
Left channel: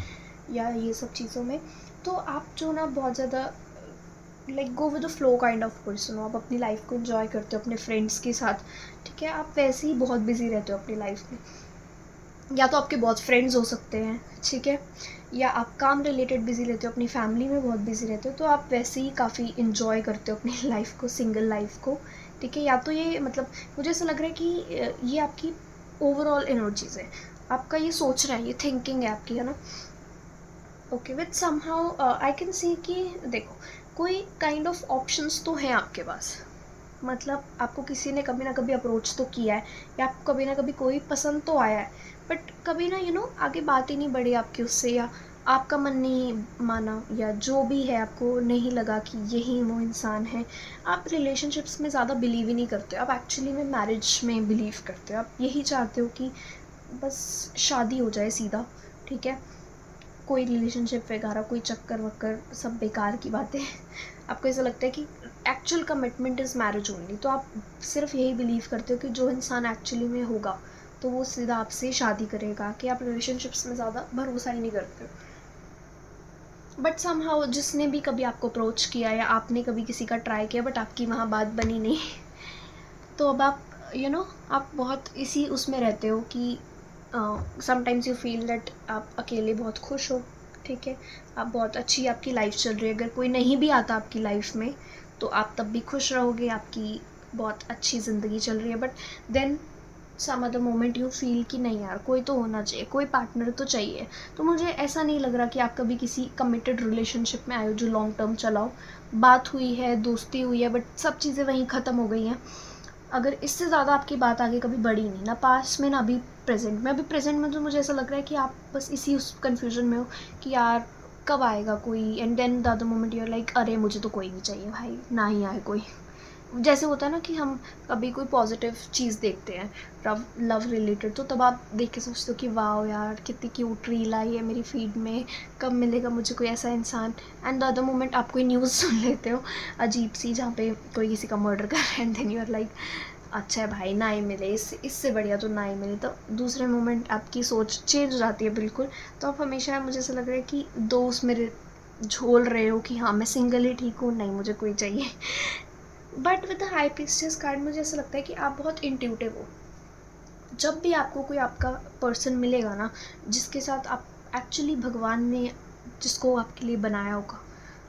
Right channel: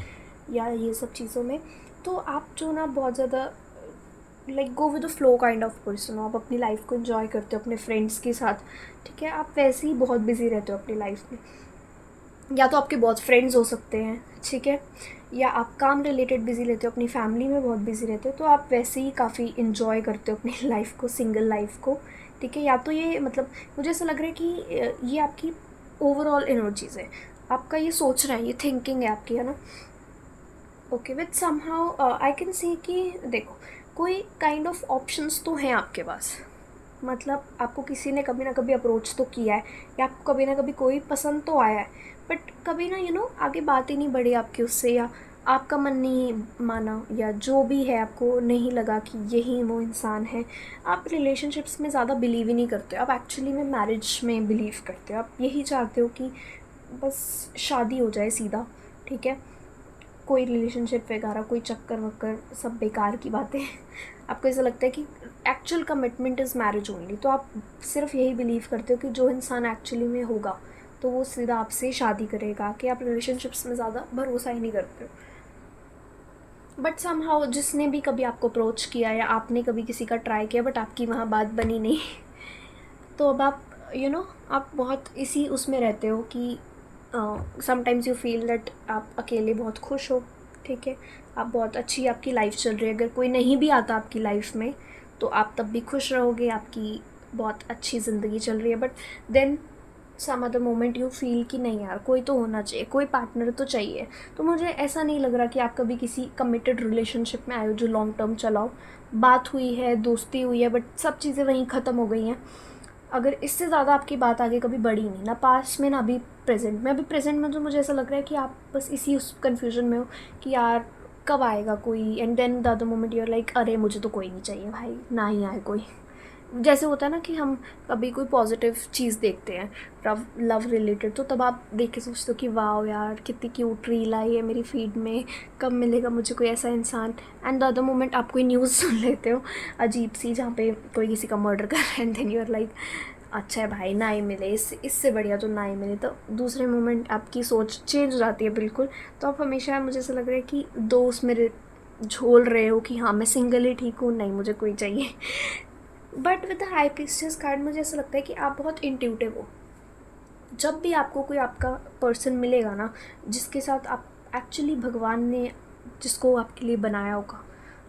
या ये सब चीज़ों में। तो आप जो ना बहुत ज़्यादा like go with the flow kind of person हो, आप अपनी लाइफ को इन्जॉय करते हो अपने फ्रेंड्स के साथ, ठीक है। आप वैसे ही बहुत बिजी रहते हो अपनी लाइफ में, या तो आपके बहुत फ्रेंड्स हो सकते हैं, ठीक है, या आप काम रिलेटेड बिज़ी रहते हो, अपनी फैमिली में बहुत बिज़ी रहते हो, तो आप वैसे ही काफ़ी इन्जॉय करते हो अपनी लाइफ को, सिंगल लाइफ को, ठीक है। या तो ये मतलब मुझे ऐसा लग रहा है कि ये आपकी ओवरऑल एनर्जीज़ है, आपका ये सोच रहा है, ये थिंकिंग है आपकी, है ना। Okay, with somehow I can सी कि देखो, कोई काइंड ऑफ ऑप्शंस तो हैं आपके पास, मतलब आपको किसी ने कभी ना कभी अप्रोच तो किया है, या आपको कभी ना कभी कोई पसंद तो आया है, बट कभी ना आगे बात ही नहीं बढ़ी आपकी उससे, या आपका मन नहीं माना या जो भी है, आपको नहीं लगा कि यही वो इंसान है, आप रिलेशनशिप्स में ज़्यादा बिलीव ही नहीं करते हो, आप एक्चुअली में मैरिज में बिलीव करते हो। आप यही चाहते हो कि बस शादी हो जाए सीधा, ठीक है, कोई रिलेशनशिप वगैरह कोई चक्कर वक्कर सब बेकार की बातें आपको ऐसा लगता है कि actual commitment is marriage only. तो आप सिर्फ यही बिलीव करते हो कि जो इंसान एक्चुअली में होगा तो वो सीधा आपसे शादी करेगा, कि आप रिलेशनशिप्स में ज़्यादा भरोसा ही नहीं करते। बट समहाउ जिसने भी कभी आपको अप्रोच किया या आपने कभी किसी का ट्राई किया बट आपकी वहाँ बात बनी नहीं, तो अब आप आप बहुत इसी उसमें रहते हो कि समटाइम्स यू फील दैट आप अकेले बहुत खुश हो, ठीक है, आप बहुत अच्छी आपकी लाइफ चल रही है, अगर कोई नहीं भी आता आपकी लाइफ में तो आप तब भी खुश रहोगे, आपकी बहुत अच्छी ज़िंदगी चल रही है। But then some other moment you feel कि नहीं यार, कोई तो होना चाहिए, कोई पार्टनर तो चाहिए। तो मुझे ऐसा नहीं लग रहा कि आप कभी किसी कमिटेड रिलेशनशिप में आए हो जो लॉन्ग टर्म चलाओ। बात हुई है, दोस्ती हुई है, बट सब चीज़ें वहीं ख़त्म हो गई हैं। अगर इससे ज़्यादा आपकी बात आगे कभी बढ़ी नहीं, ना पास्ट में ना अभी प्रेजेंट में। अभी प्रेजेंट में तो मुझे ऐसा लग रहा है कि आप बस इसी उस कन्फ्यूजन में हो कि यार कब आएगा कोई, and then the other moment you are like अरे मुझे तो कोई नहीं चाहिए भाई, ना ही आए कोई। जैसे होता है ना कि हम कभी कोई पॉजिटिव चीज़ देखते हैं लव रिलेटेड, तो तब आप देख के सोचते हो कि वाह यार कितनी क्यूट रील आई है मेरी फीड में, कब मिलेगा मुझे कोई ऐसा इंसान। एंड द अदर मोमेंट आप कोई न्यूज़ सुन लेते हो अजीब सी जहाँ पे कोई किसी का मर्डर कर रहा है, and then you are like अच्छा है भाई ना ही मिले, इससे बढ़िया तो ना ही मिले। तो दूसरे मोमेंट आपकी सोच चेंज हो जाती है बिल्कुल। तो आप हमेशा मुझे ऐसा लग रहा है कि दोस्त मेरे झोल रहे हो कि हाँ मैं सिंगल ही ठीक हूँ, नहीं मुझे कोई चाहिए। But with the high priestess card मुझे ऐसा लगता है कि आप बहुत इंट्यूटिव हो। जब भी आपको कोई आपका पर्सन मिलेगा ना, जिसके साथ आप एक्चुअली भगवान ने जिसको आपके लिए बनाया होगा,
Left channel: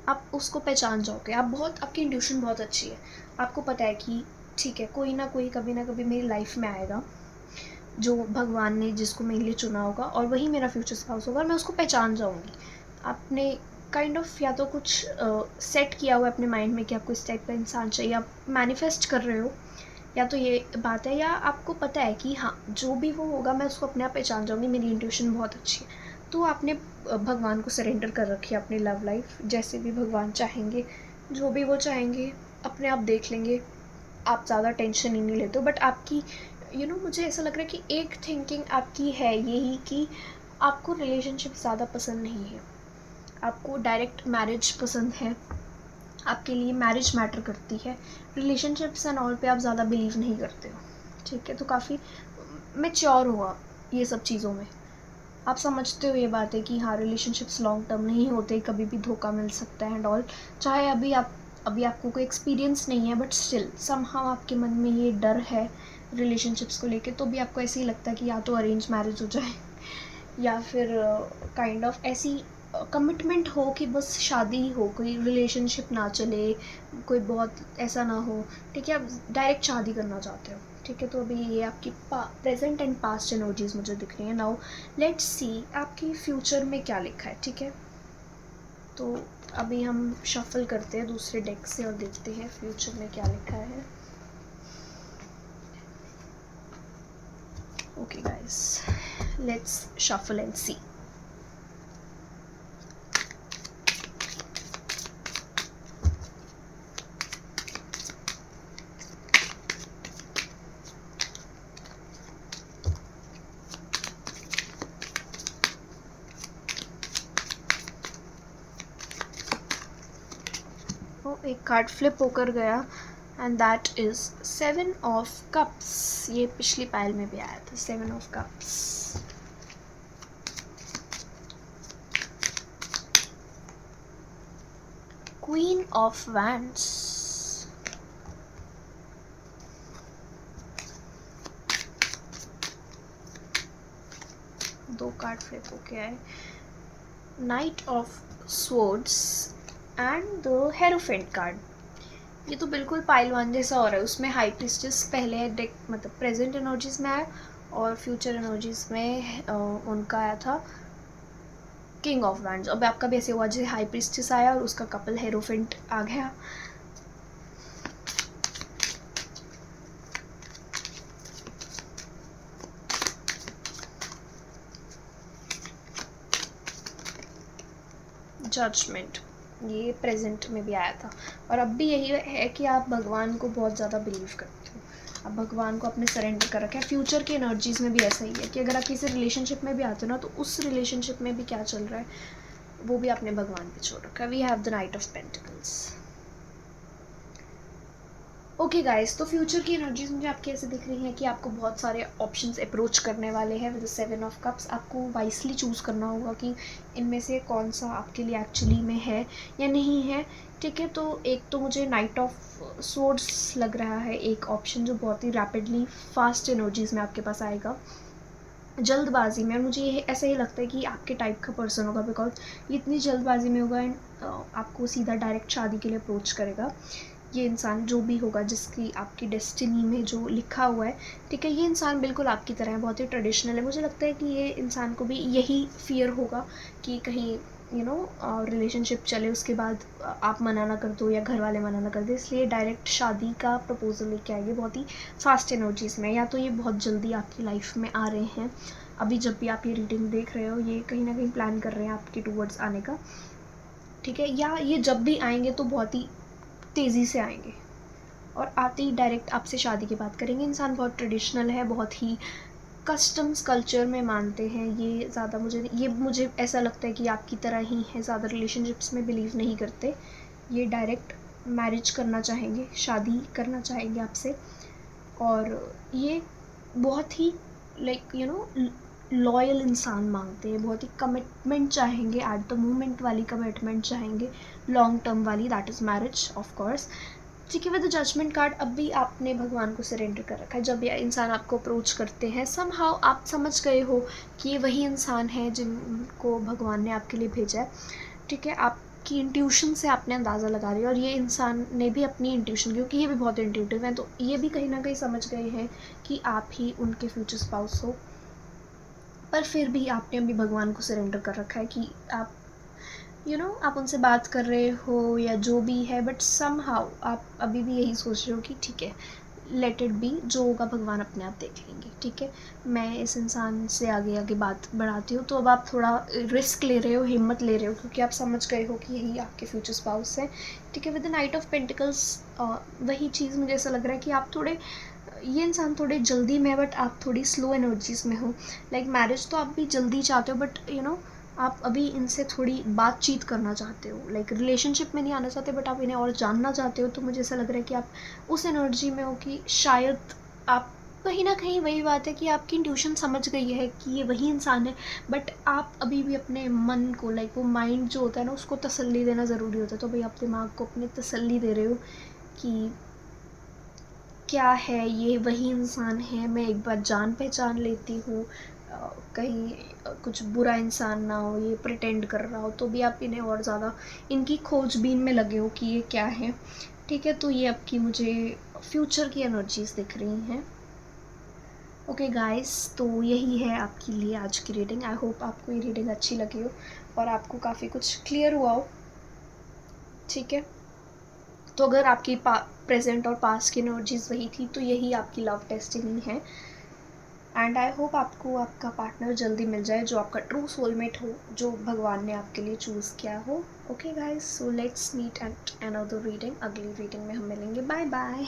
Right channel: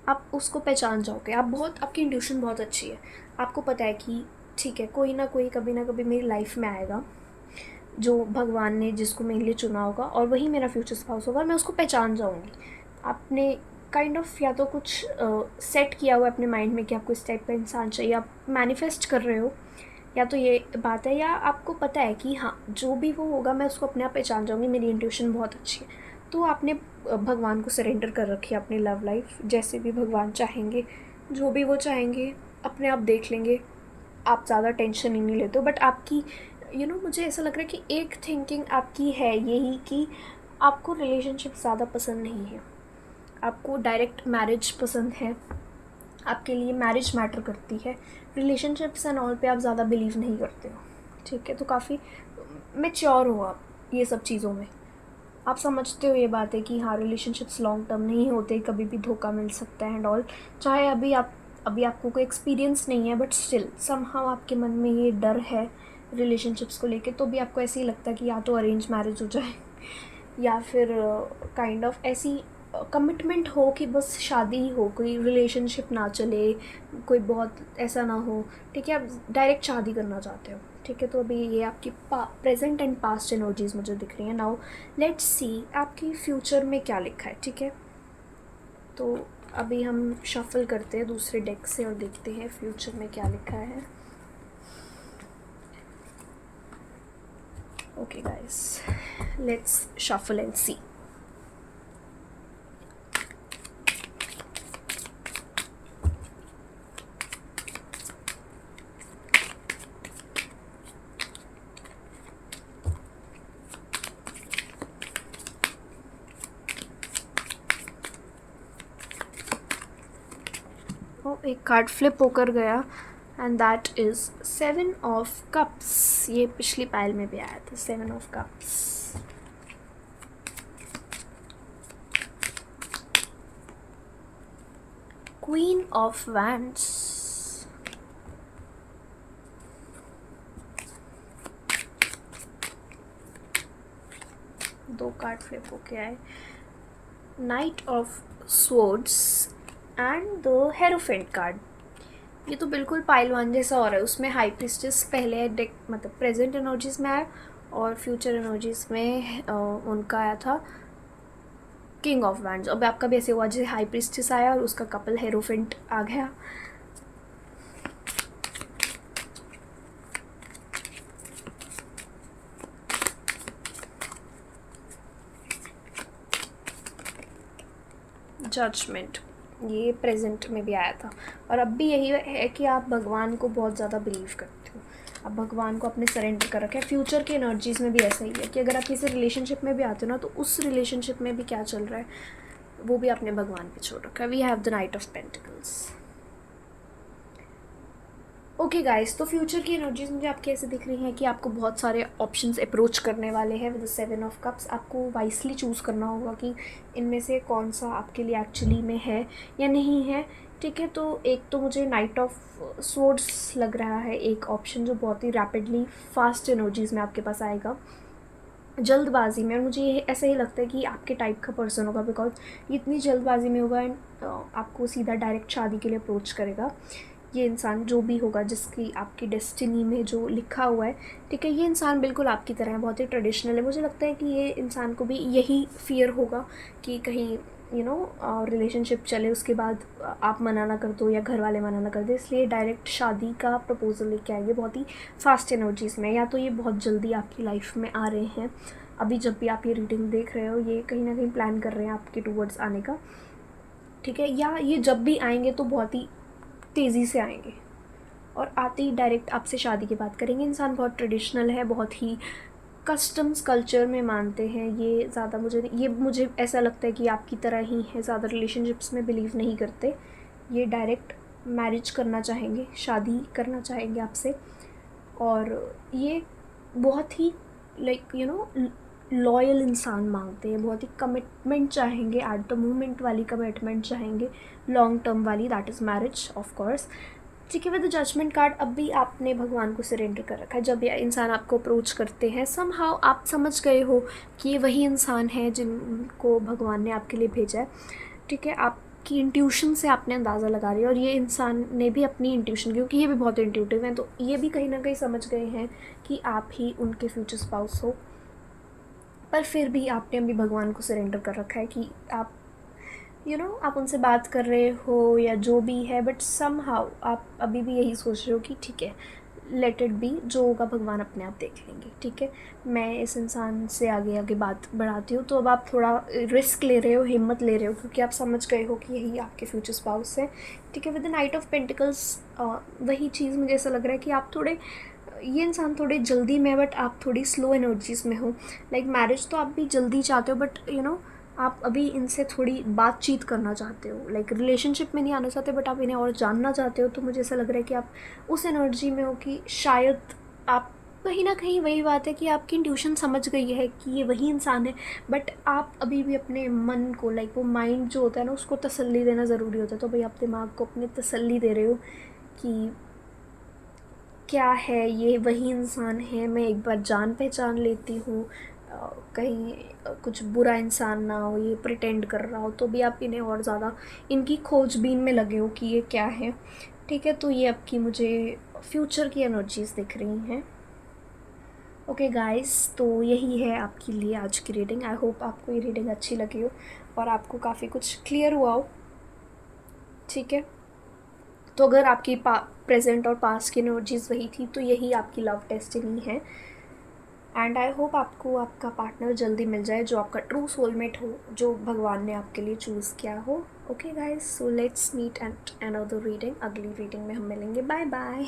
आप उसको पहचान जाओगे। आप बहुत, आपकी इंट्यूशन बहुत अच्छी है। आपको पता है कि ठीक है कोई ना कोई कभी ना कभी मेरी लाइफ में आएगा जो भगवान ने जिसको मेरे लिए चुना होगा, और वही मेरा फ्यूचर स्पाउस होगा, और मैं उसको पहचान जाऊँगी। आपने काइंड ऑफ या तो कुछ सेट किया हुआ है अपने माइंड में कि आपको इस टाइप का इंसान चाहिए, आप मैनिफेस्ट कर रहे हो, या तो ये बात है, या आपको पता है कि हाँ जो भी वो होगा मैं उसको अपने आप पहचान जाऊँगी, मेरी इंट्यूशन बहुत अच्छी है। तो आपने भगवान को सरेंडर कर रखी है अपनी लव लाइफ, जैसे भी भगवान चाहेंगे, जो भी वो चाहेंगे अपने आप देख लेंगे। आप ज़्यादा टेंशन ही नहीं लेते हो। बट आपकी मुझे ऐसा लग रहा है कि एक थिंकिंग आपकी है यही कि आपको रिलेशनशिप ज़्यादा पसंद नहीं है, आपको डायरेक्ट मैरिज पसंद है, आपके लिए मैरिज मैटर करती है, रिलेशनशिप्स एंड ऑल पे आप ज़्यादा बिलीव नहीं करते हो, ठीक है। तो काफ़ी मैच्योर हो आप ये सब चीज़ों में, आप समझते हो ये बात है कि हाँ रिलेशनशिप्स लॉन्ग टर्म नहीं होते, कभी भी धोखा मिल सकता है एंड ऑल। चाहे अभी आपको कोई एक्सपीरियंस नहीं है, बट स्टिल समहाउ आपके मन में ये डर है रिलेशनशिप्स को लेके, तो भी आपको ऐसे ही लगता है कि या तो अरेंज मैरिज हो जाए या फिर काइंड ऑफ ऐसी कमिटमेंट हो कि बस शादी ही हो, कोई रिलेशनशिप ना चले, कोई बहुत ऐसा ना हो, ठीक है, आप डायरेक्ट शादी करना चाहते हो, ठीक है। तो अभी ये आपकी प्रेजेंट एंड पास्ट एनर्जीज मुझे दिख रही हैं। नाउ लेट्स सी आपकी फ्यूचर में क्या लिखा है, ठीक है। तो अभी हम शफल करते हैं दूसरे डेक से और देखते हैं फ्यूचर में क्या लिखा है। Okay guys, let's shuffle and see. एक कार्ड फ्लिप होकर गया and that is 7 of cups. ये पिछली पाइल में भी आया था, 7 of cups. Queen of wands, दो कार्ड फ्लिप होके आए, knight of swords and the hierophant card. ये तो बिल्कुल पाइल वन जैसा हो रहा है, उसमें हाई प्रिस्टेस पहले डेक मतलब प्रेजेंट एनर्जीज में आया और फ्यूचर एनर्जीज में उनका आया था किंग ऑफ वैंड्स। अब आपका भी ऐसे हुआ जैसे हाई प्रिस्टेस आया और उसका कपल हेरोफेंट आ गया। जजमेंट, ये प्रेजेंट में भी आया था और अब भी यही है कि आप भगवान को बहुत ज़्यादा बिलीव करते हो, आप भगवान को अपने सरेंडर कर रखा है। फ्यूचर के एनर्जीज़ में भी ऐसा ही है कि अगर आप किसी रिलेशनशिप में भी आते हो ना, तो उस रिलेशनशिप में भी क्या चल रहा है वो भी आपने भगवान पे छोड़ रखा है। We have the knight of pentacles. Okay guys, तो फ्यूचर की एनर्जीज मुझे आपकी ऐसे दिख रही हैं कि आपको बहुत सारे ऑप्शंस अप्रोच करने वाले हैं विद 7 ऑफ कप्स। आपको वाइसली चूज़ करना होगा कि इनमें से कौन सा आपके लिए एक्चुअली में है या नहीं है, ठीक है। तो एक तो मुझे नाइट ऑफ स्वॉर्ड्स लग रहा है एक ऑप्शन, जो बहुत ही रैपिडली फास्ट एनर्जीज़ में आपके पास आएगा, जल्दबाजी में। मुझे ये ऐसा ही लगता है कि आपके टाइप का पर्सन होगा, बिकॉज ये इतनी जल्दबाजी में होगा एंड आपको सीधा डायरेक्ट शादी के लिए अप्रोच करेगा। ये इंसान जो भी होगा, जिसकी आपकी डेस्टिनी में जो लिखा हुआ है, ठीक है, ये इंसान बिल्कुल आपकी तरह है, बहुत ही ट्रेडिशनल है। मुझे लगता है कि ये इंसान को भी यही फियर होगा कि कहीं रिलेशनशिप चले, उसके बाद आप मना ना कर दो या घर वाले मना ना कर दे, इसलिए डायरेक्ट शादी का प्रपोजल लेके आएंगे बहुत ही फास्ट एनर्जीज़ में। या तो ये बहुत जल्दी आपकी लाइफ में आ रहे हैं, अभी जब भी आप ये रीडिंग देख रहे हो, ये कहीं ना कहीं प्लान कर रहे हैं आपके टूवर्ड्स आने का, ठीक है। या ये जब भी आएंगे तो बहुत ही तेज़ी से आएंगे और आते ही डायरेक्ट आपसे शादी की बात करेंगे। इंसान बहुत ट्रेडिशनल है, बहुत ही कस्टम्स कल्चर में मानते हैं। ये ज़्यादा मुझे ऐसा लगता है कि आपकी तरह ही है, ज़्यादा रिलेशनशिप्स में बिलीव नहीं करते। ये डायरेक्ट मैरिज करना चाहेंगे, शादी करना चाहेंगे आपसे, और ये बहुत ही लॉयल इंसान मांगते हैं, बहुत ही कमिटमेंट चाहेंगे, एट द मोमेंट वाली कमिटमेंट चाहेंगे, लॉन्ग टर्म वाली, that is marriage of course, ठीक है। विद द जजमेंट कार्ड अब भी आपने भगवान को सरेंडर कर रखा है। जब ये इंसान आपको अप्रोच करते हैं, समहाउ आप समझ गए हो कि ये वही इंसान है जिनको भगवान ने आपके लिए भेजा है, ठीक है। आपकी इंट्यूशन से आपने अंदाज़ा लगा रही है, और ये इंसान ने भी अपनी इंट्यूशन, क्योंकि ये भी बहुत इंट्यूटिव हैं, तो ये भी कहीं ना कहीं समझ गए हैं कि आप ही उनके फ्यूचर स्पाउस हो। पर फिर भी आपने अभी भगवान को सरेंडर कर रखा है कि आप आप उनसे बात कर रहे हो या जो भी है, बट समहाउ आप अभी भी यही सोच रहे हो कि ठीक है, लेट इट बी, जो होगा भगवान अपने आप देख लेंगे, ठीक है। मैं इस इंसान से आगे आगे बात बढ़ाती हूँ। तो अब आप थोड़ा रिस्क ले रहे हो, हिम्मत ले रहे हो, क्योंकि आप समझ गए हो कि यही आपके फ्यूचर स्पाउस है, ठीक है। With the knight of pentacles वही चीज़ मुझे ऐसा लग रहा है कि आप थोड़े, ये इंसान थोड़े जल्दी में, बट आप थोड़ी स्लो एनर्जीज़ में हो। लाइक मैरिज तो आप भी जल्दी चाहते हो, बट आप अभी इनसे थोड़ी बातचीत करना चाहते हो, लाइक रिलेशनशिप में नहीं आना चाहते, बट आप इन्हें और जानना चाहते हो। तो मुझे ऐसा लग रहा है कि आप उस एनर्जी में हो कि शायद आप कहीं ना कहीं, वही बात है कि आपकी इंट्यूशन समझ गई है कि ये वही इंसान है, बट आप अभी भी अपने मन को, लाइक वो माइंड जो होता है ना, उसको तसल्ली देना ज़रूरी होता है। तो भाई आप दिमाग को अपने तसल्ली दे रहे हो कि क्या है, ये वही इंसान है, मैं एक बार जान पहचान लेती हूँ, कहीं कुछ बुरा इंसान ना हो, ये प्रिटेंड कर रहा हो, तो भी आप इन्हें और ज़्यादा इनकी खोजबीन में लगे हो कि ये क्या है, ठीक है। तो ये आपकी मुझे फ्यूचर की एनर्जीज़ दिख रही हैं। ओके गाइस, तो यही है आपके लिए आज की रीडिंग। आई होप आपको ये रीडिंग अच्छी लगी हो और आपको काफ़ी कुछ क्लियर हुआ हो, ठीक है। तो अगर आपकी प्रेजेंट और पास्ट की एनर्जीज़ वही थी, तो यही आपकी लव डेस्टिनी है। एंड आई होप आपको आपका पार्टनर जल्दी मिल जाए, जो आपका ट्रू सोलमेट हो, जो भगवान ने आपके लिए चूज़ किया हो। Okay guys, so let's meet at another reading. अगली रीडिंग में हम मिलेंगे। Bye bye.